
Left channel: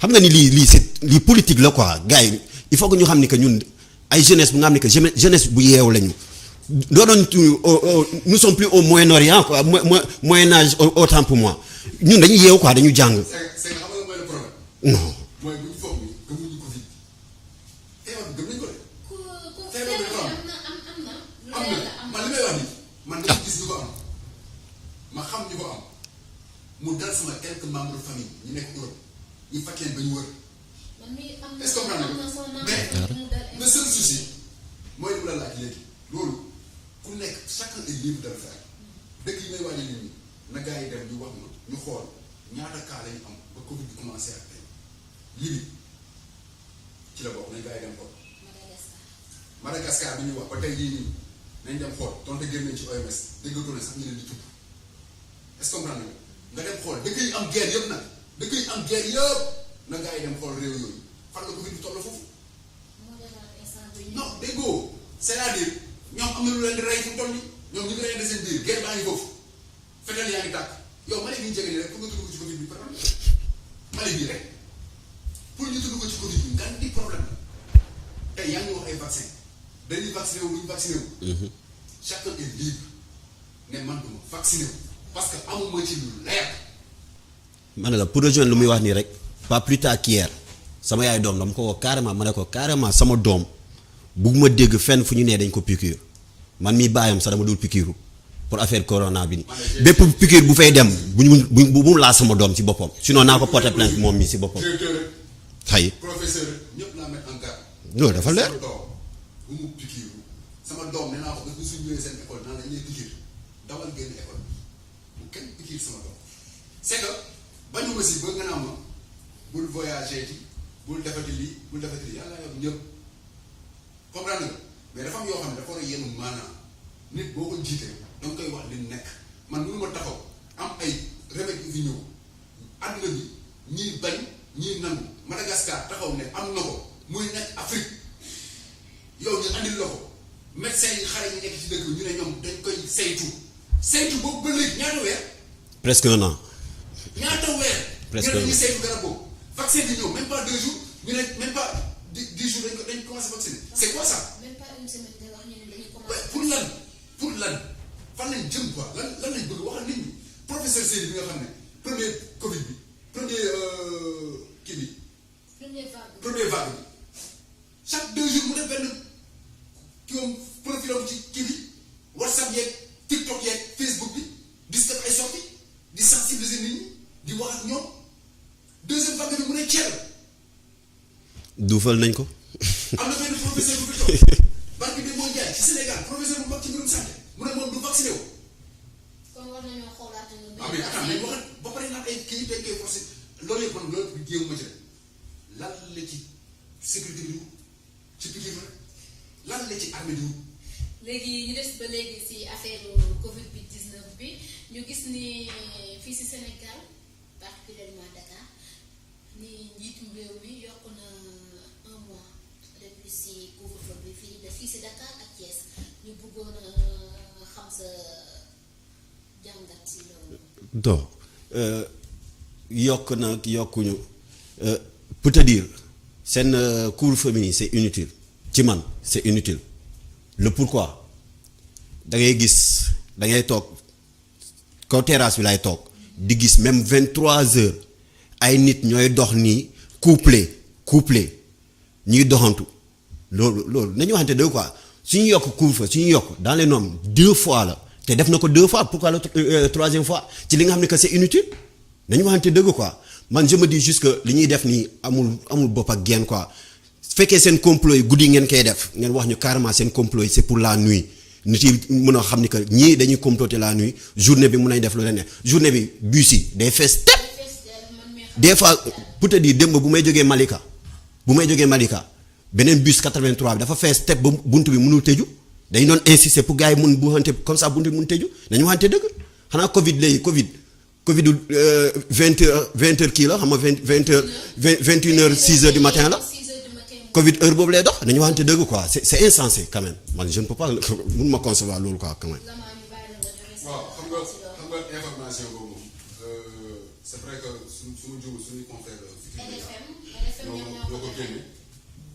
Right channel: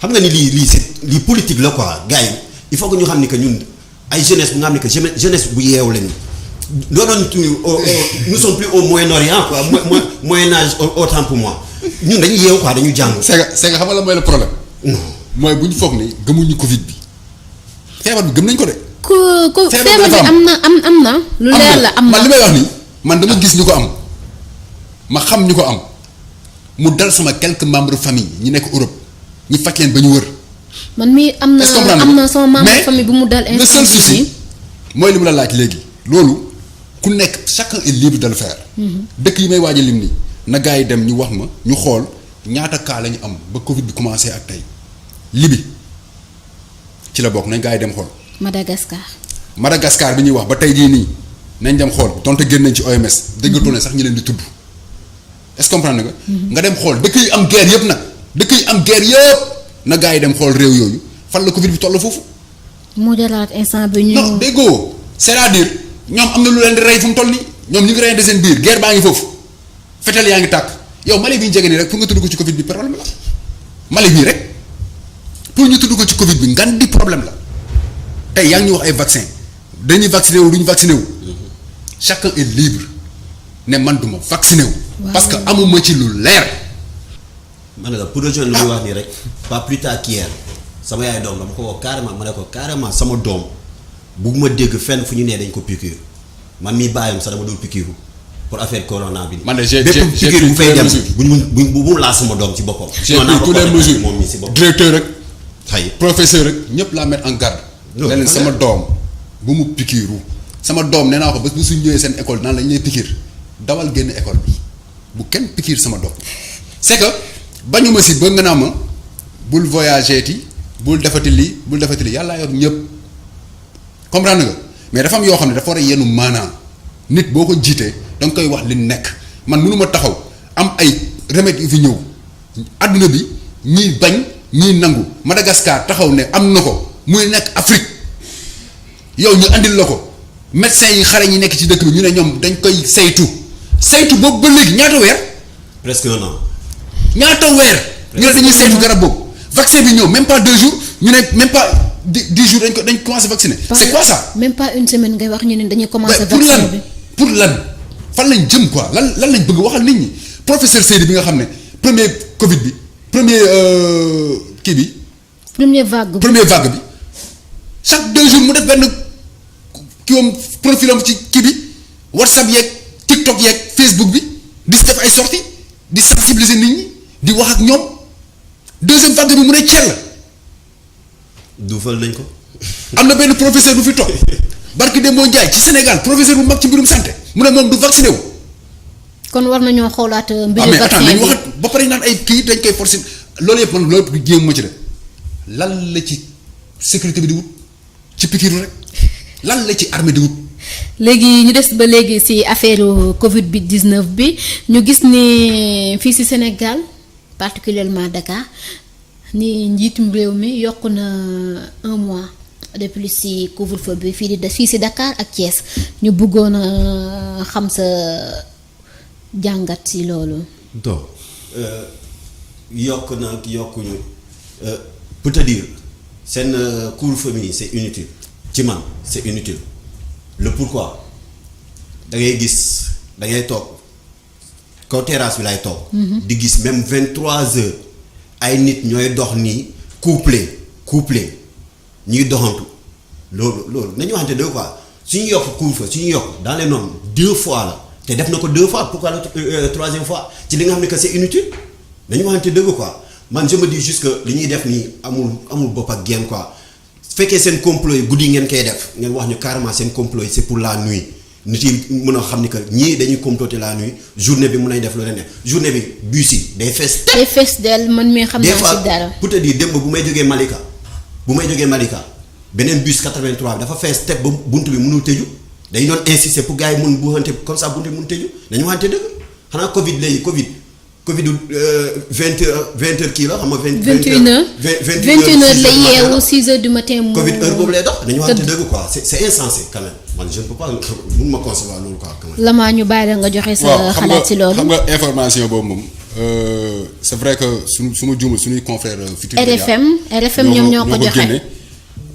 xam nga ni lii politique la quoi gars yi il faut que ñu xam ni que ñun ay jeunesse bu nga xam ni que jeunesse bu yeewu lañu doonoon nous sommes plus au Moyen-Orient quoi Moyen Âge autant pour moi ñun dañuy yeewu quoi dañu jàng. c'est que xam nga la mooy le problème. non mooy bu ñu foog ni gëmuñu Covid bi feebar bi gëm nañ ko de. ku Feebar feebar bi dafa am na. lu leer la am man na li may wax nii man dama gis ñu ko am ma xam ñu ko am mu dal sama quelques membres famille ñi nekk Europe ñi faj leen ba ñu wër. man mii am est-ce que comprendre na nga? sama membre Mais famille bu mu dal le seul instant souci bii mooy li mu la laaj léegi loolu ku nekk chacun est libre de le faire. dëkk yi may waaj a lim nii na gars yi dem ñu wax ma ñu xool ñaata cas la ñu am ba Covid bi commencé ak tey Libye ci la bokk nañ gars yi dem xool. Madagascar. Madagascar bi ñuy wax ba tey jii nii nañ dem xool donte génn nañ ci OMS déggatoo ne sax ñu leen di tudd est-ce que comprendre nga. nga dem xool dëkk yi am guerre yëpp nag dëkk yi am guerre yëpp na gars yi dem xool réew yooyu fan la Covid bi toll foofu. moo jëlaat instant bi ñu. non déggoo c'est-à-dire ñoom am na lu leen di rey fu mu toll nii ñoom ñu ngi reyante seen biir guerre baa ngi foofu fetel yaa ngi tàkk yow Mali bi ñu jege nii rek pour nga tudd ko ci Covid bi problème la Mali bii rek pour ñu tudd ko ci Covid bi ngan di problème la tey yaa ngi ñu wax ay vaccin dañuy vacciné wu du ñu vacciné wu. chacun est libre ne man duma vacciné wu. parce que amuma ci lu leer. ma ne la pour rejoindre lu muy wax nii rek pas plus tard qu'hier sama yaay doom dama ko woo carrément ma ne ko carrément sama doom bugguma dégg fenn fu ñu nee dañ ko piqûre man mii bàyyam sax dama dul piqûre pour affaire corona bi. man de j'ai bépp piqûre bu fay dem bu mu laa sama doom ci boppam. sinon naa ko porté plainte moom mii si boppam. directeur rek. xëy professeur rek ñëpp laa mettre en garde. non leen sama doom bu mu piqûre sama doom nee naa ko bés bu suñ ñëwee seen école naan lañ lay piqûre dawal génn école bi bu kenn piqûre sama doom c'est que bañu ma si ba nga naa ma bul voyager ti bul defati lii yàllaa yor ñëpp comprendre nga mais dafa am yoo xam ne dafa war a yenu maanaa nit boo ko jiitee da nga koy wax li nekk man mënuma taxaw am ay remèdes yu fi ñëw adduna bi ñii bañ ñii nangu Madagascar taxaw ne am na ko muy nekk Afrique yow ñu andil la ko médecins yi xare ñi nekk ci dëkk bi ñu ne ñoom dañ koy saytu boobu ba léegi ñaata weer. presque un an. ñaata weer. ñu ne dañuy saytu garab boobu. vaccin bi ñëw même pas 2 jours ñu ne même pas 10 jours dañ commencé vacciner. c'est quoi ça. même pas une semaine ngay wax ñu ne dañuy commencé. pour vaccin lan bi pour lan fan lañ jëm quoi lan lañ bëgg waxal nit ñi professeur Seydi bi nga xam ne premier Covid bi premier kii bi. première vague bi chaque 2 jours mu def benn kiiwam profilam ci kii bi WhatsApp yeeg TikTok yeeg Facebook bi di def ay sorties di sensibiliser nit ñi di wax ak ñoom deuxième vague bi mu ne cell. duufal nañ ko. am na benn professeur bu fi toog barki Demba Ndiaye ci Sénégal professeur bu mag ci mbirum santé mu ne moom du vacciné wu. kon war nañoo xoolaat mbiru mais vaccin attends dañu bi waxat ba pare naan ay kii dañ koy forcer loolu yëpp man loolu yëpp jéem ma ci de lan la ci sécurité bi di wut ci pikiru rek lan la ci armée di wut. léegi ñu des ba léegi ci affaire Covid bi 19 bi ñu gis ni fii ci Sénégal particulièrement Dakar ni njiitum réew mi yokk na 1 mois de plus ci couvre-feu bi fii ci Dakar ak Thiès ñu bëggoon a xam sa jàngat ci loolu. donc yokk na yokkuñu pour te dire seen couvre-feu bi c'est inutile ci man c'est inutile. le pourquoi da ngay gis da ngay toog kaw terrasse bi lay toog. di gis même 23h ay nit ñooy dox nii couplé ñuy doxantu loolu nañu waxante deux quoi suñu yokk couvre-feu suñu yokk dans les normes 2 fois la te def na ko 2 fois pourquoi la 3e fois ci li nga xam ne que c'est inutile nañu waxante dëgg quoi man je me dis juste que li ñuy def nii amul bopp ak genn quoi. su fekkee seen complot yi guddi ngeen koy def ngeen wax ñu carrément seen complot yi c'est pour la nuit nit yi mën a xam ni que ñii dañuy comploter la nuit journée bi mën nañ def lu leen ne journée bi bus yi day fees. day fees del man mii xam naa ci dara des fois pour te dire démb bu may jógee Malika beneen bus 83 bi dafa fees teb ba buntu bi mënul tëju dañu doon insister pour gars yi mun bu xante comme ça buntu bi mun tëju dañu waxante dëgg xanaa Covid 20h kii la xam nga 21h 6h du matin Covid heure boobu lay dox dañu waxante dëgg quoi c'est insensé quand même man je ne peux pas mun ma concevoir loolu quoi quand même. Lamaa ñu bàyyi la nga joxe sa xalaat ci loolu. xam nga information boobu moom c'est vrai que su ma juumul suñuy confrères Futurs Médias RFM ñoom ñoo ko joxe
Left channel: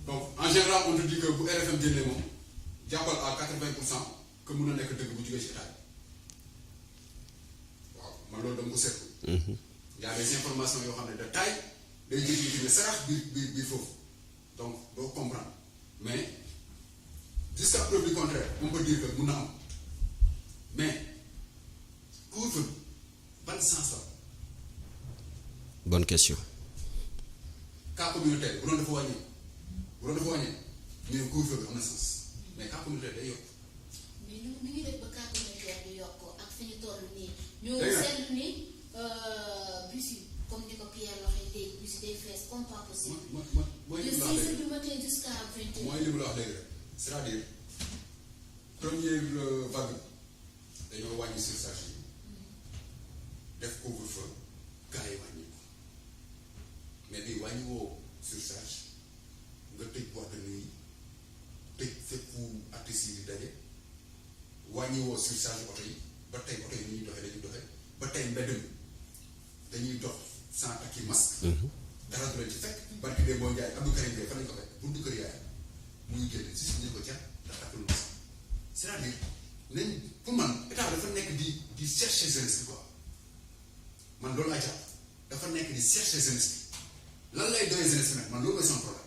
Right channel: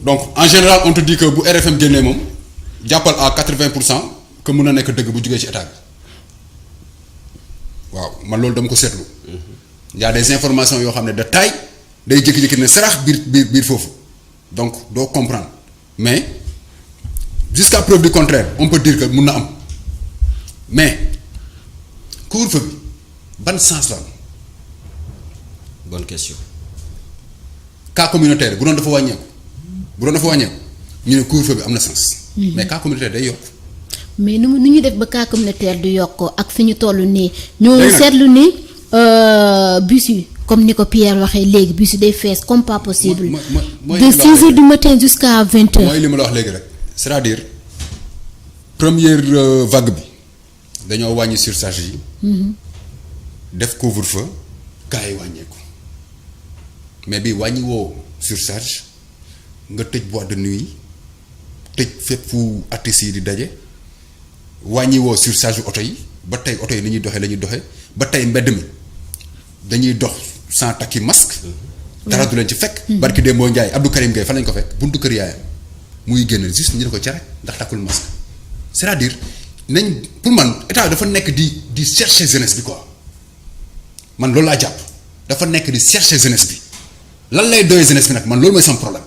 donc en général on te dit que bu RFM génnee moom jàppal à 80% que mun na nekk dëgg bu jugee ci état bi. waaw man loolu dama ko seetlu. y a des informations yoo xam ne de taille day jékki-jékki ne sarax biir foofu donc doo comprendre mais jusqu'à preuve du contraire on peut dire que mun na am mais couvre-feu bi ban sens la am bonne question. cas communautaire bu doon dafa wàññeeku ñu ne couvre-feu bi am na sens. mais cas communautaire day yokk. mais nu ñu def ba cas communautaire du yokk ak fi ñu toll nii. ñoo léegi nag seetlu ni bus yi comme ni ko Pierre waxee léegi bus yi day fees comme pas possible. de 6 heures du matin jusqu'à 20 heures. mooy li ma la wax léegi rek c'est-à-dire première vague bi dañoo wàññi surcharge yi. def couvre-feu cas yi wàññeeku mais bi wàññi woo surcharge nga tëj boîte de nuit tëj fépp fu artistes yi di daje wàññi woo surcharge oto yi ba tey oto yi ni ñuy doxee la ñuy doxee ba tey mbedd mi dañuy dox sans takki masque. dara du leen ci fekk. barki Demba Ndiaye Abdou Karim Gueye fan lañ ko fekk buntu kër yaayam muy génn juste ñu ne ko cere ndax takkul masque c'est-à-dire nañ pour man état dafa nekk di chercher jeunesse bi quoi man loolu laa jàpp dafa nekk di chercher jeunesse bi lan lay doyee jeunesse bi nag man loolu mooy sama problème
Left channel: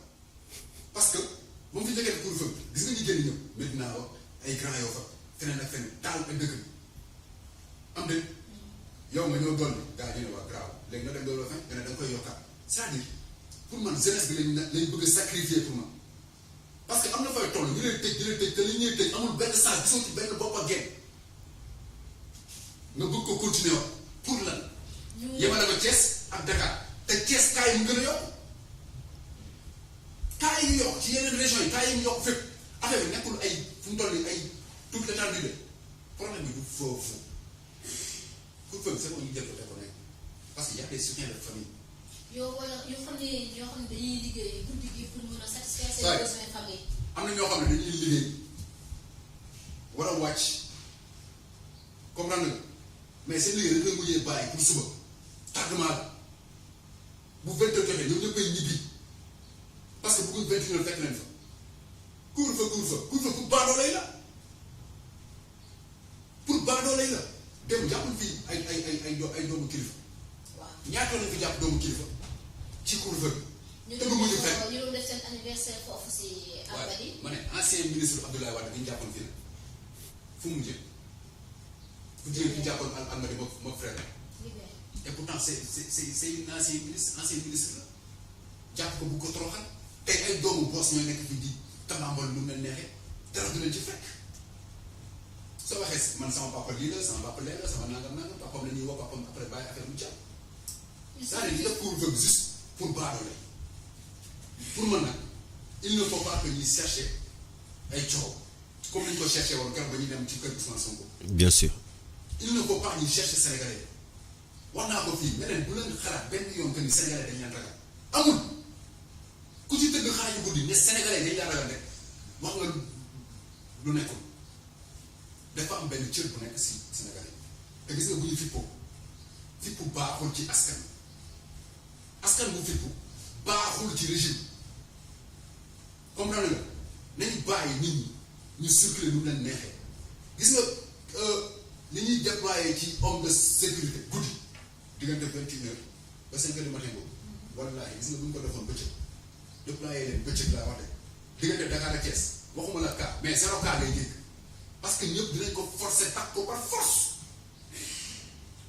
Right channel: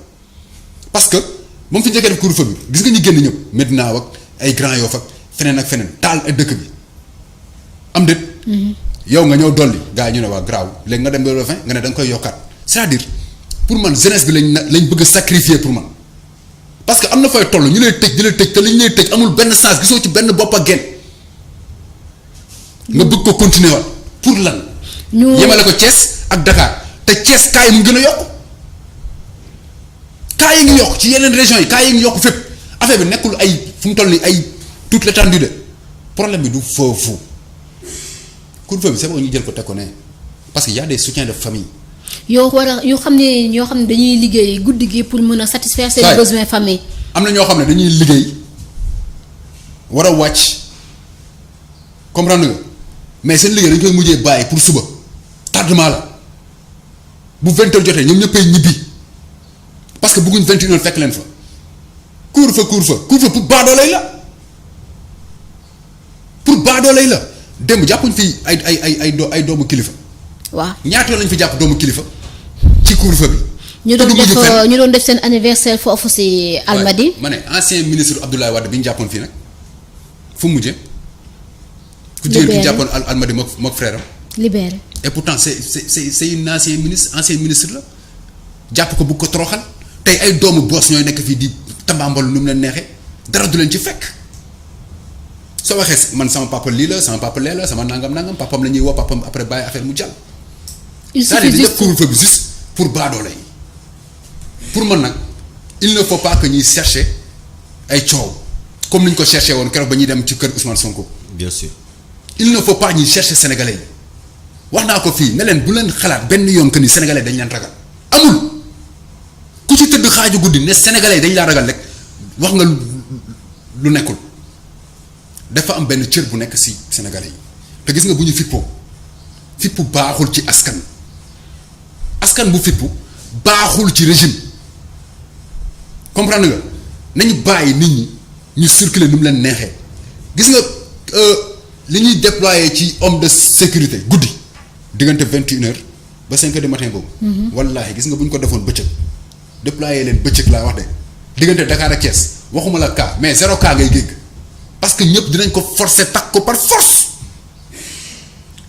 parce que moom fi njëkkee def couvre-feu bi gis nga ñu génn ñëpp Medina ak ay Grand Yoff ak feneen ak feneen taal ak dëkk bi am déet. yow nga ñëw dolli gars yi ñu ne waa graaw léegi nga dem ba le fin nga ne da nga koy yokkaat c'est-à-dire pour man jeunesse bi lañ bëgg a sacrifier pour man parce que am na fay toll ñu lay tëj di la tëj te li ñu lay tëj amul benn sens gisoo ci benn bopp ak genn nga bëgg ko continuer waat pour lan. ñu yemale ko Thiès ak Dakar te Thiès cas yi mu gën a yokk cas yi ngi yokk ci yeneen régions yi cas yi ngi yokk fépp affaire bi nekkul ay fu mu toll nii ay toute l'étendue de problème bi du foofu. couvre-feu bi c'est bon ñu jël ko teg ko ne parce que y a des soutiens de famille. yoo xam ne ñoo xam ne dañuy liggéey guddi gi pour mën a satisfaire seen besoins famille. am na ñoo xam ne dañuy liggéey war a wàcc comprendre nga mais seen liggéey dañu koy mujjee bàyyi pour suba tardement la bu 20 heures jotee ñoom ñëppay ñibbi parce que bëgguñ 21 heures fekk leen fa couvre-feu pour baadoolay la pour baadoolay la. démb jàppuñ fi ay doomu kilifa. waaw ñaata yoon lañ fi jàpp doomu kilifa ci couvre-feu bi. ñu doon def seen anniversaire foofu si Almadi. ma ne ancien ministre Abdoulaye Wade bi ñu jàppoon fii nag fu mu mujjee. ku jigéen ki ñu jàppoon Almadi mook frère am. libéré. et pourtant c'est une ancien ministre la jàpp ko bu ko toroxal tey ay doomu boos ñooy nekk fii di tambaambal nu mu leen neexee dara du leen ci fekk. soo waxee man sama papa lii la sama papa lee la sama nangam papam la ñuy woo papam après bàyyi affaire mu jàll. il suffit juste def couvre-feu bi juste pour baadoole yi pour man nag il ne faut pas que ñuy chercher ay coow comme ni ñu ko cherché woon keroog ba ñuy dem ci kër Ousmane Sonko. bien sûr. il ne faut pas ñuy chercher sénégalais yi wax naa ko fii ne leen bu leen xalaat benn yoon que ni sénégalais dañ leen ragal amul ku ci tëdd xaaju guddi ne sénégalais dañ laa ragal rek wax nga lu nekkul. dafa am benn cër bu nekk ci Sénégalais yi te gis nga bu ñu fippu baaxul ci askan bu fippu baaxul ci régime comprendre nga nañu bàyyi nit ñi ñu circuler nu mu leen neexee gis nga li ñuy déployer ci homme de sécurité guddi diggante 21 heures ba 5 heures du matin boobu. wallaahi gis nga bu ñu ko defoon bëccëg déployer leen bëccëg laa wax de diggante Dakar ak Thiès waxuma la cas mais 0 cas ngay dégg. parce que ñëpp dinañ ko forcer takk ko par force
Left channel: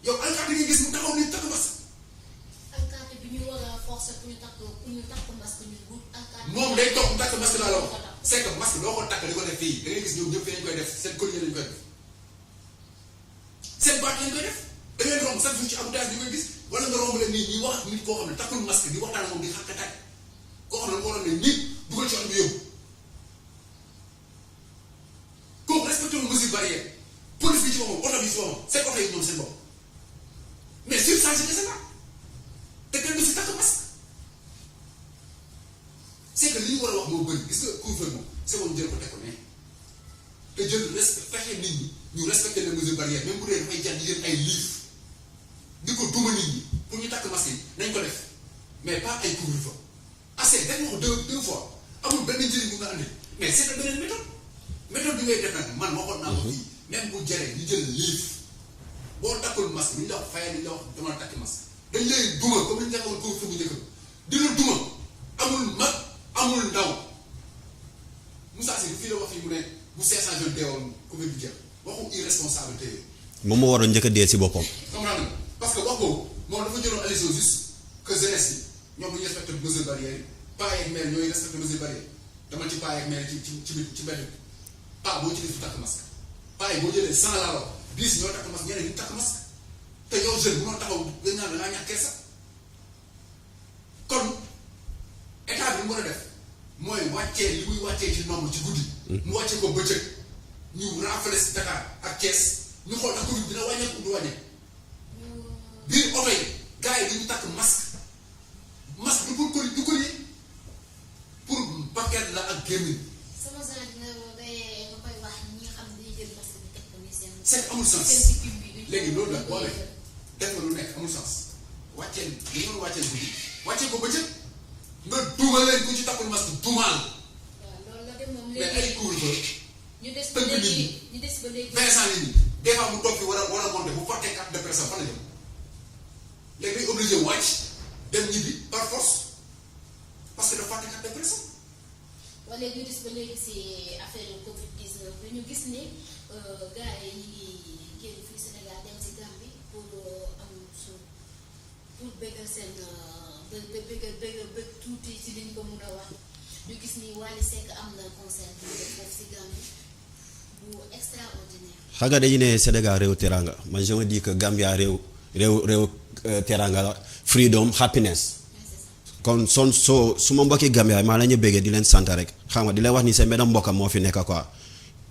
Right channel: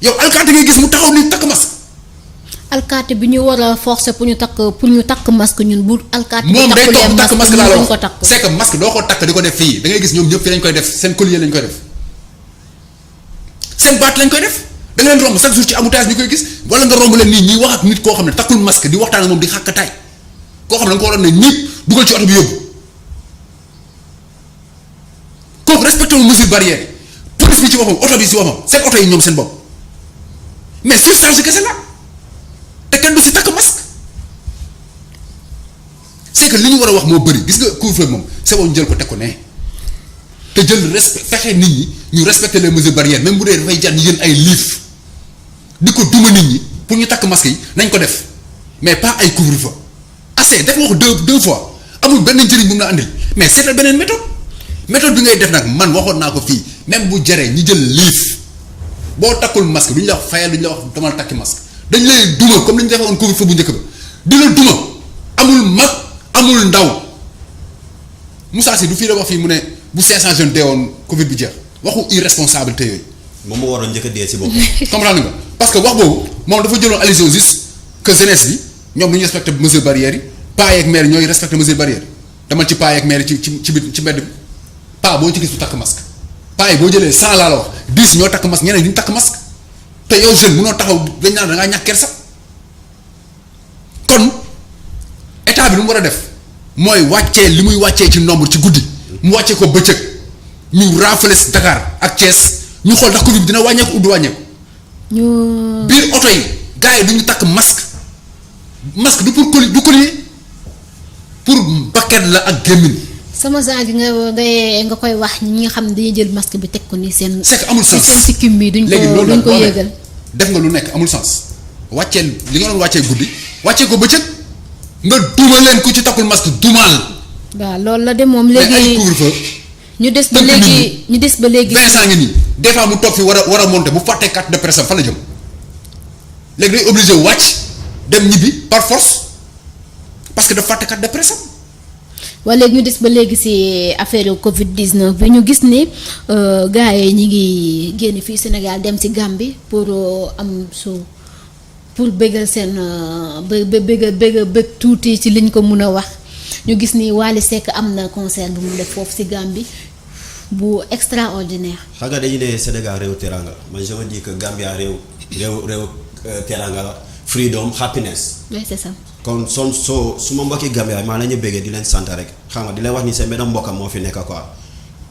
yow alkaati ngay gis mu taxaw ni takk masque. alkaati bi ñu war a forcer pour ñu takk masque ñun bu alkaati. moom day toog takk masque laa la wax ko takk. c'est que masque doo ko takk di ko def fii da ngay gis ñoom ñëpp fii lañ koy def seen collier lañ koy def seen baat lañ koy def da nga leen romb chaque jour ci embouteillage ñu koy gis wala nga romb leen nii ñuy wax ak nit koo xam ne takkul masque di waxtaan ak moom di xàkkataay koo xam ne da nga ko waroon ne ñiip dugal ci oto bi yóbbu. kooku respecté wu mesure barrière police bi ci boppam oto bi ci boppam seen oto yi ñoom seen bopp mais surcharge kese la te kenn du si takk masque c'est que li ñu war a wax moo bëri gis nga couvre-feu moom c'est bon jël ko teg ko ne te jël respect fexe nit ñi ñu respecter les mesures barrières même bu dee dafay jar ñu jël ay liif di ko duma nit ñi pour ñu takk masque yi nañ ko def mais pas ay couvre-feu assez def nga ko deux fois amul benn njëriñ bu mu la andil mais seetal beneen méthode bi ngay def nag man waxoon naa ko fii même bu jaree ñu jël liif boo takkul masque du ñu la wax fayal du ñu la wax damal takki masque dañ lay duma comme li ñu defoon couvre-feu bu njëkk ba di la duma amul mag amul ndaw Moussa Sy du fii la wax fii mu ne bu 500 jeunes deewoon Covid bi jeex waxu irresponsabilité yooyu. moom moo waroon njëkk a dee si boppam. comprendre nga parce que wax boobu moom dafa jëloon allusion juste que jeunesse bi ñoom du ñu respecté mesures barrières yi paa yeeg maire ñooy respecté mesures barrières demal ci paa yeeg maire ci mbedd bi paa boo ci gis du takk masque paa yi boo jëlee 100 laa la wax 10 ñoo takk masque ñeneen duñu takk masque te yow jeune mënoo taxaw dañ naan da ngaa ñàkk kersa kon état bi lu mu war a def mooy wàccee li muy wàccee ci nombre ci guddi mu wàccee ko bëccëg ñu raafale Dakar ak Thiès ñu xool ndax Covid bi dina wàññeeku du wàññeeku. biir oto yi gars yi du ñu takk masque du pour du collier pour bakket la ak gémmiñ. sama genre gi nga koy wax ñi nga xam ne dañuy jël masque bi teg ko ni seen. c'est que amul sens seen sikkim bi duñ ko yéegal. def nga lu nekk amul sens wàcceel li nga doon wàccee guddi wàccee ko bëccëg nga duma leen ku ci takkul masque dumaal. waaw loolu la de moom léegi ay couvre-feu ñu des ba léegi. Vincent ngi nii des fois mu toog fi war a monter bu fàttee carte de presse fan la jëm léegi day obligé wàcc dem ñibbi par force parce que dafa fàtte carte de presse am. wala léegi ñu des ba léegi ci affaire Covid 19 bi ñu gis ni gars yi ñi ngi génn fii Sénégal dem ci Gambie pour pour bëggal seen bëgg tuuti ci liñ ko mun a wax ñu gis ni Wally Seck am na concert bu mu def foofu ci Gambie bu extraordinaire. xam nga dañu ne Sénégal réew teranga man je me dis que Gambia réew teranga la freedom happiness. oui c'est ça. kon su ma mbokki Gambia maa la ñu bëggee di leen sant rek xam nga di leen wax ni seen benn mbokkam moo fi nekk quoi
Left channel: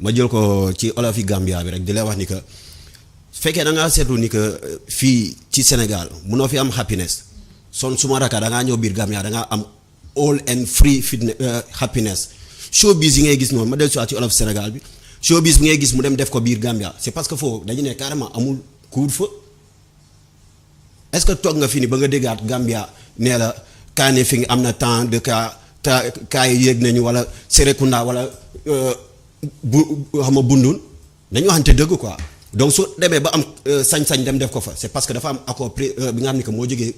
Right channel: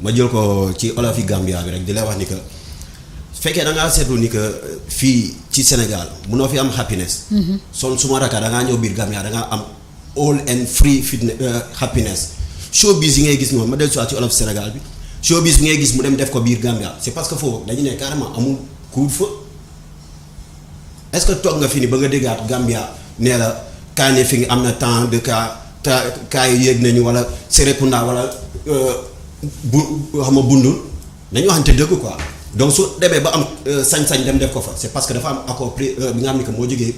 ma jël ko ci olof yi Gambia bi rek di leen wax ni que su fekkee da ngaa seetlu ni que fii ci Sénégal munoo fi am happiness. su ma raka da ngaa ñëw biir Gambia da ngaa am all and free happiness showbiz yi ngay gis noonu ma dellu ci olof Sénégal bi showbiz bi ngay gis mu dem def ko biir Gambia c'est parce que foofu dañu ne carrément amul couvre-feu est-ce que toog nga fi ni ba nga déggaat Gambia nee la kaane fi nga am na temps de cas yi yéeg nañu wala Serekunda wala bu xam nga bundul dañu waxante dëgg quoi donc su demee ba am sañ-sañ dem def ko fa c'est parce que dafa am accord bi nga xam ni que moo jógee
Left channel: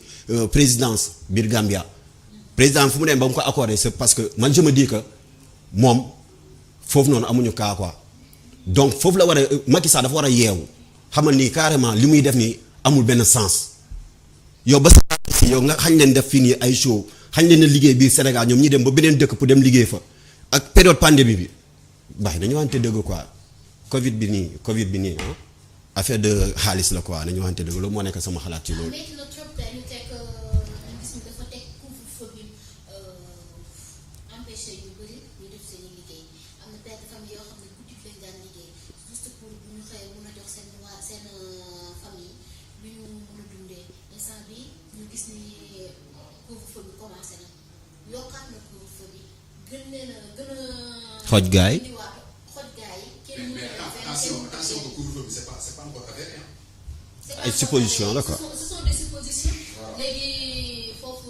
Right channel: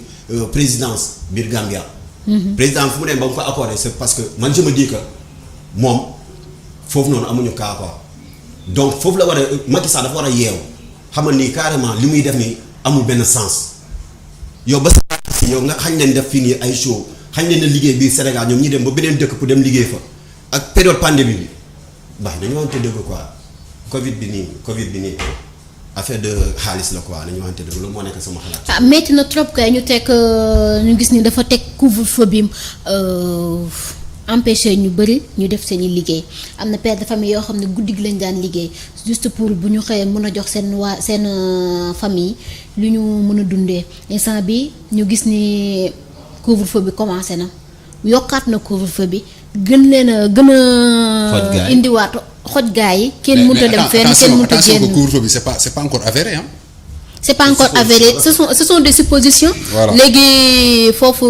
présidence biir Gambia. président fu mu dem ba mu ko accordé c'est parce que man je me dis que moom foofu noonu amuñu cas quoi donc foofu la war a Macky Sall dafa war a yeewu xam ni carrément li muy def nii amul benn sens yow ba si yow nga xañ leen def fii nii ay show xañ leen liggéey biir Sénégal ñoom ñi dem ba beneen dëkk pour dem liggéey fa ak période pandémie bi baax nañu waxante dëgg quoi Covid bi nii affaire de xaalis la quoi nañu waxante dëgg loolu moo nekk sama xalaat. ah métti na trop kay ñu teg ñu gis ni dafa teg couvre-feu bi empêché ñu bëri ñu def seen i liggéey am na père de famille yoo xam ne guddi gi lañ daan liggéey juste pour bu ñu xëyee mën a jox seen famille lu ñu mën a dundee instant bi ñu gis ni couvre-feu bi commencé na yokkaat na couvre-feu bi gën a indiwaat xoj gaa yi kenn mënut a dem fenn kenn mënut a génn. couvre-feu bi c'est pas encore avéré hein. c'est pas encore avéré ce sont des suppositions. Voilà. léegi foofu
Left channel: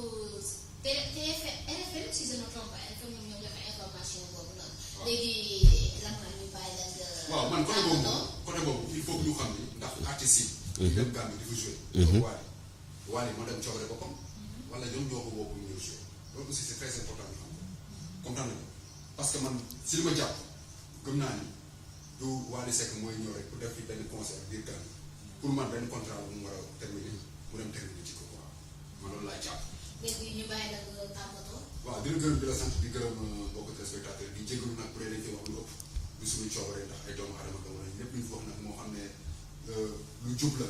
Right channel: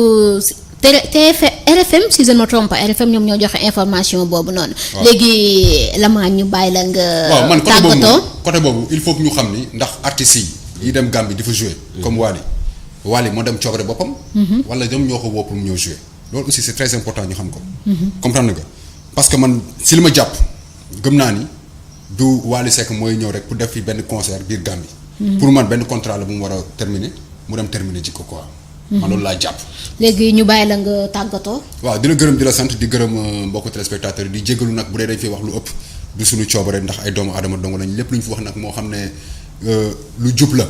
RFM si je ne me trompe pas RFM ñoom ñoo joxe information boobu noonu. léegi la ñu bàyyi la nga. waaw man tàggatoo côté boobu il faut que ñu xam ni ndax artistes yi dem Gambie di fa jouer. comme Wally moo dem coobare boppam. wala ñoom ñoo ko woo pour mu ñëw jouer loolu aussi c'est très important ñu xam ko. comprendre nga parce que man si li ma jàpp gëm naa ni du Wally Seck mooy ñëw rek pour def fi benn concert biir Gambie. pour man benn contrat la bu mu war a terminer mu dem terminer ci ko quoi. man loolu laa jàpp. léegi ñu bàyyi la nga tàggatoo. waaw di la gërëm di la sant di gërëm mbokku téléspectateurs yi di jégalu nag bu dee dañ fi wax lu ëpp du suñu coobare ndax ay doomu aadama dong lañ lépp lu ñu fi wax nag moo xam ne lu jub la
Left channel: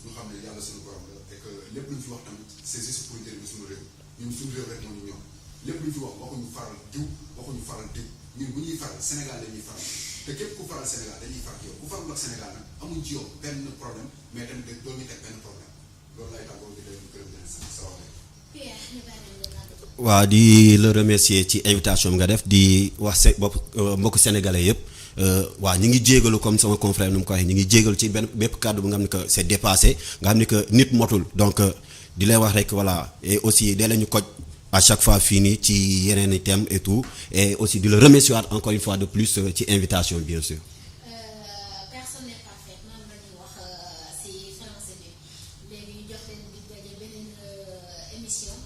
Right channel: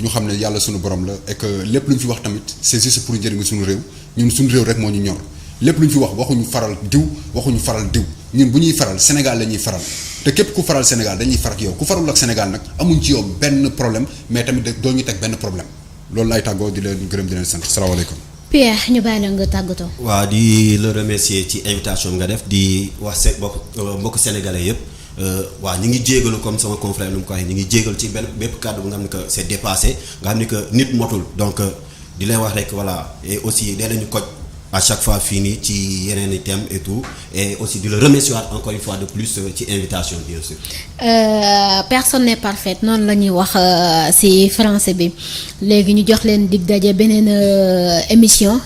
ñu xam ne yàlla suñu borom la et que lépp lu ñu fi wax tamit c'est juste pour njëriñu suñu réew ñun suñu réew rek moo ñu ñor lépp lu ñu fi wax waxuñu faral diw ñun bu ñuy faral Sénégal la ñuy faral te képp ku faral Sénégal dañuy far ak yow ku farul ak Sénégal nag amuñ ci yow benn problème mais tamit doo ñu teg benn problème loolu laay tàggoo di leen gërëm di leen sant salaamaaleykum. Pierre ñu bàyyi la nga tàggatoo. waaw di la remercier ci invitation bi nga def di wax mbokk sénégalais yëpp waaw ñu ngi jégalu comme sama confrère nu mu ko waxee ñu ngi jégalu ci bépp kàddu bu nga xam ne que c'est dépassé nga xam ne que nit motul donc di leen wax rek voilà et aussi dee lañu koj à chaque fois fii nii ci yeneen i thèmes et tout et aussi di la remercier encore une fois de plus ci invitation bien sûr. Personne n'est parfaite noonu la ñuy wax ci français bi léegi ñu jox leen dig daje beneen émission.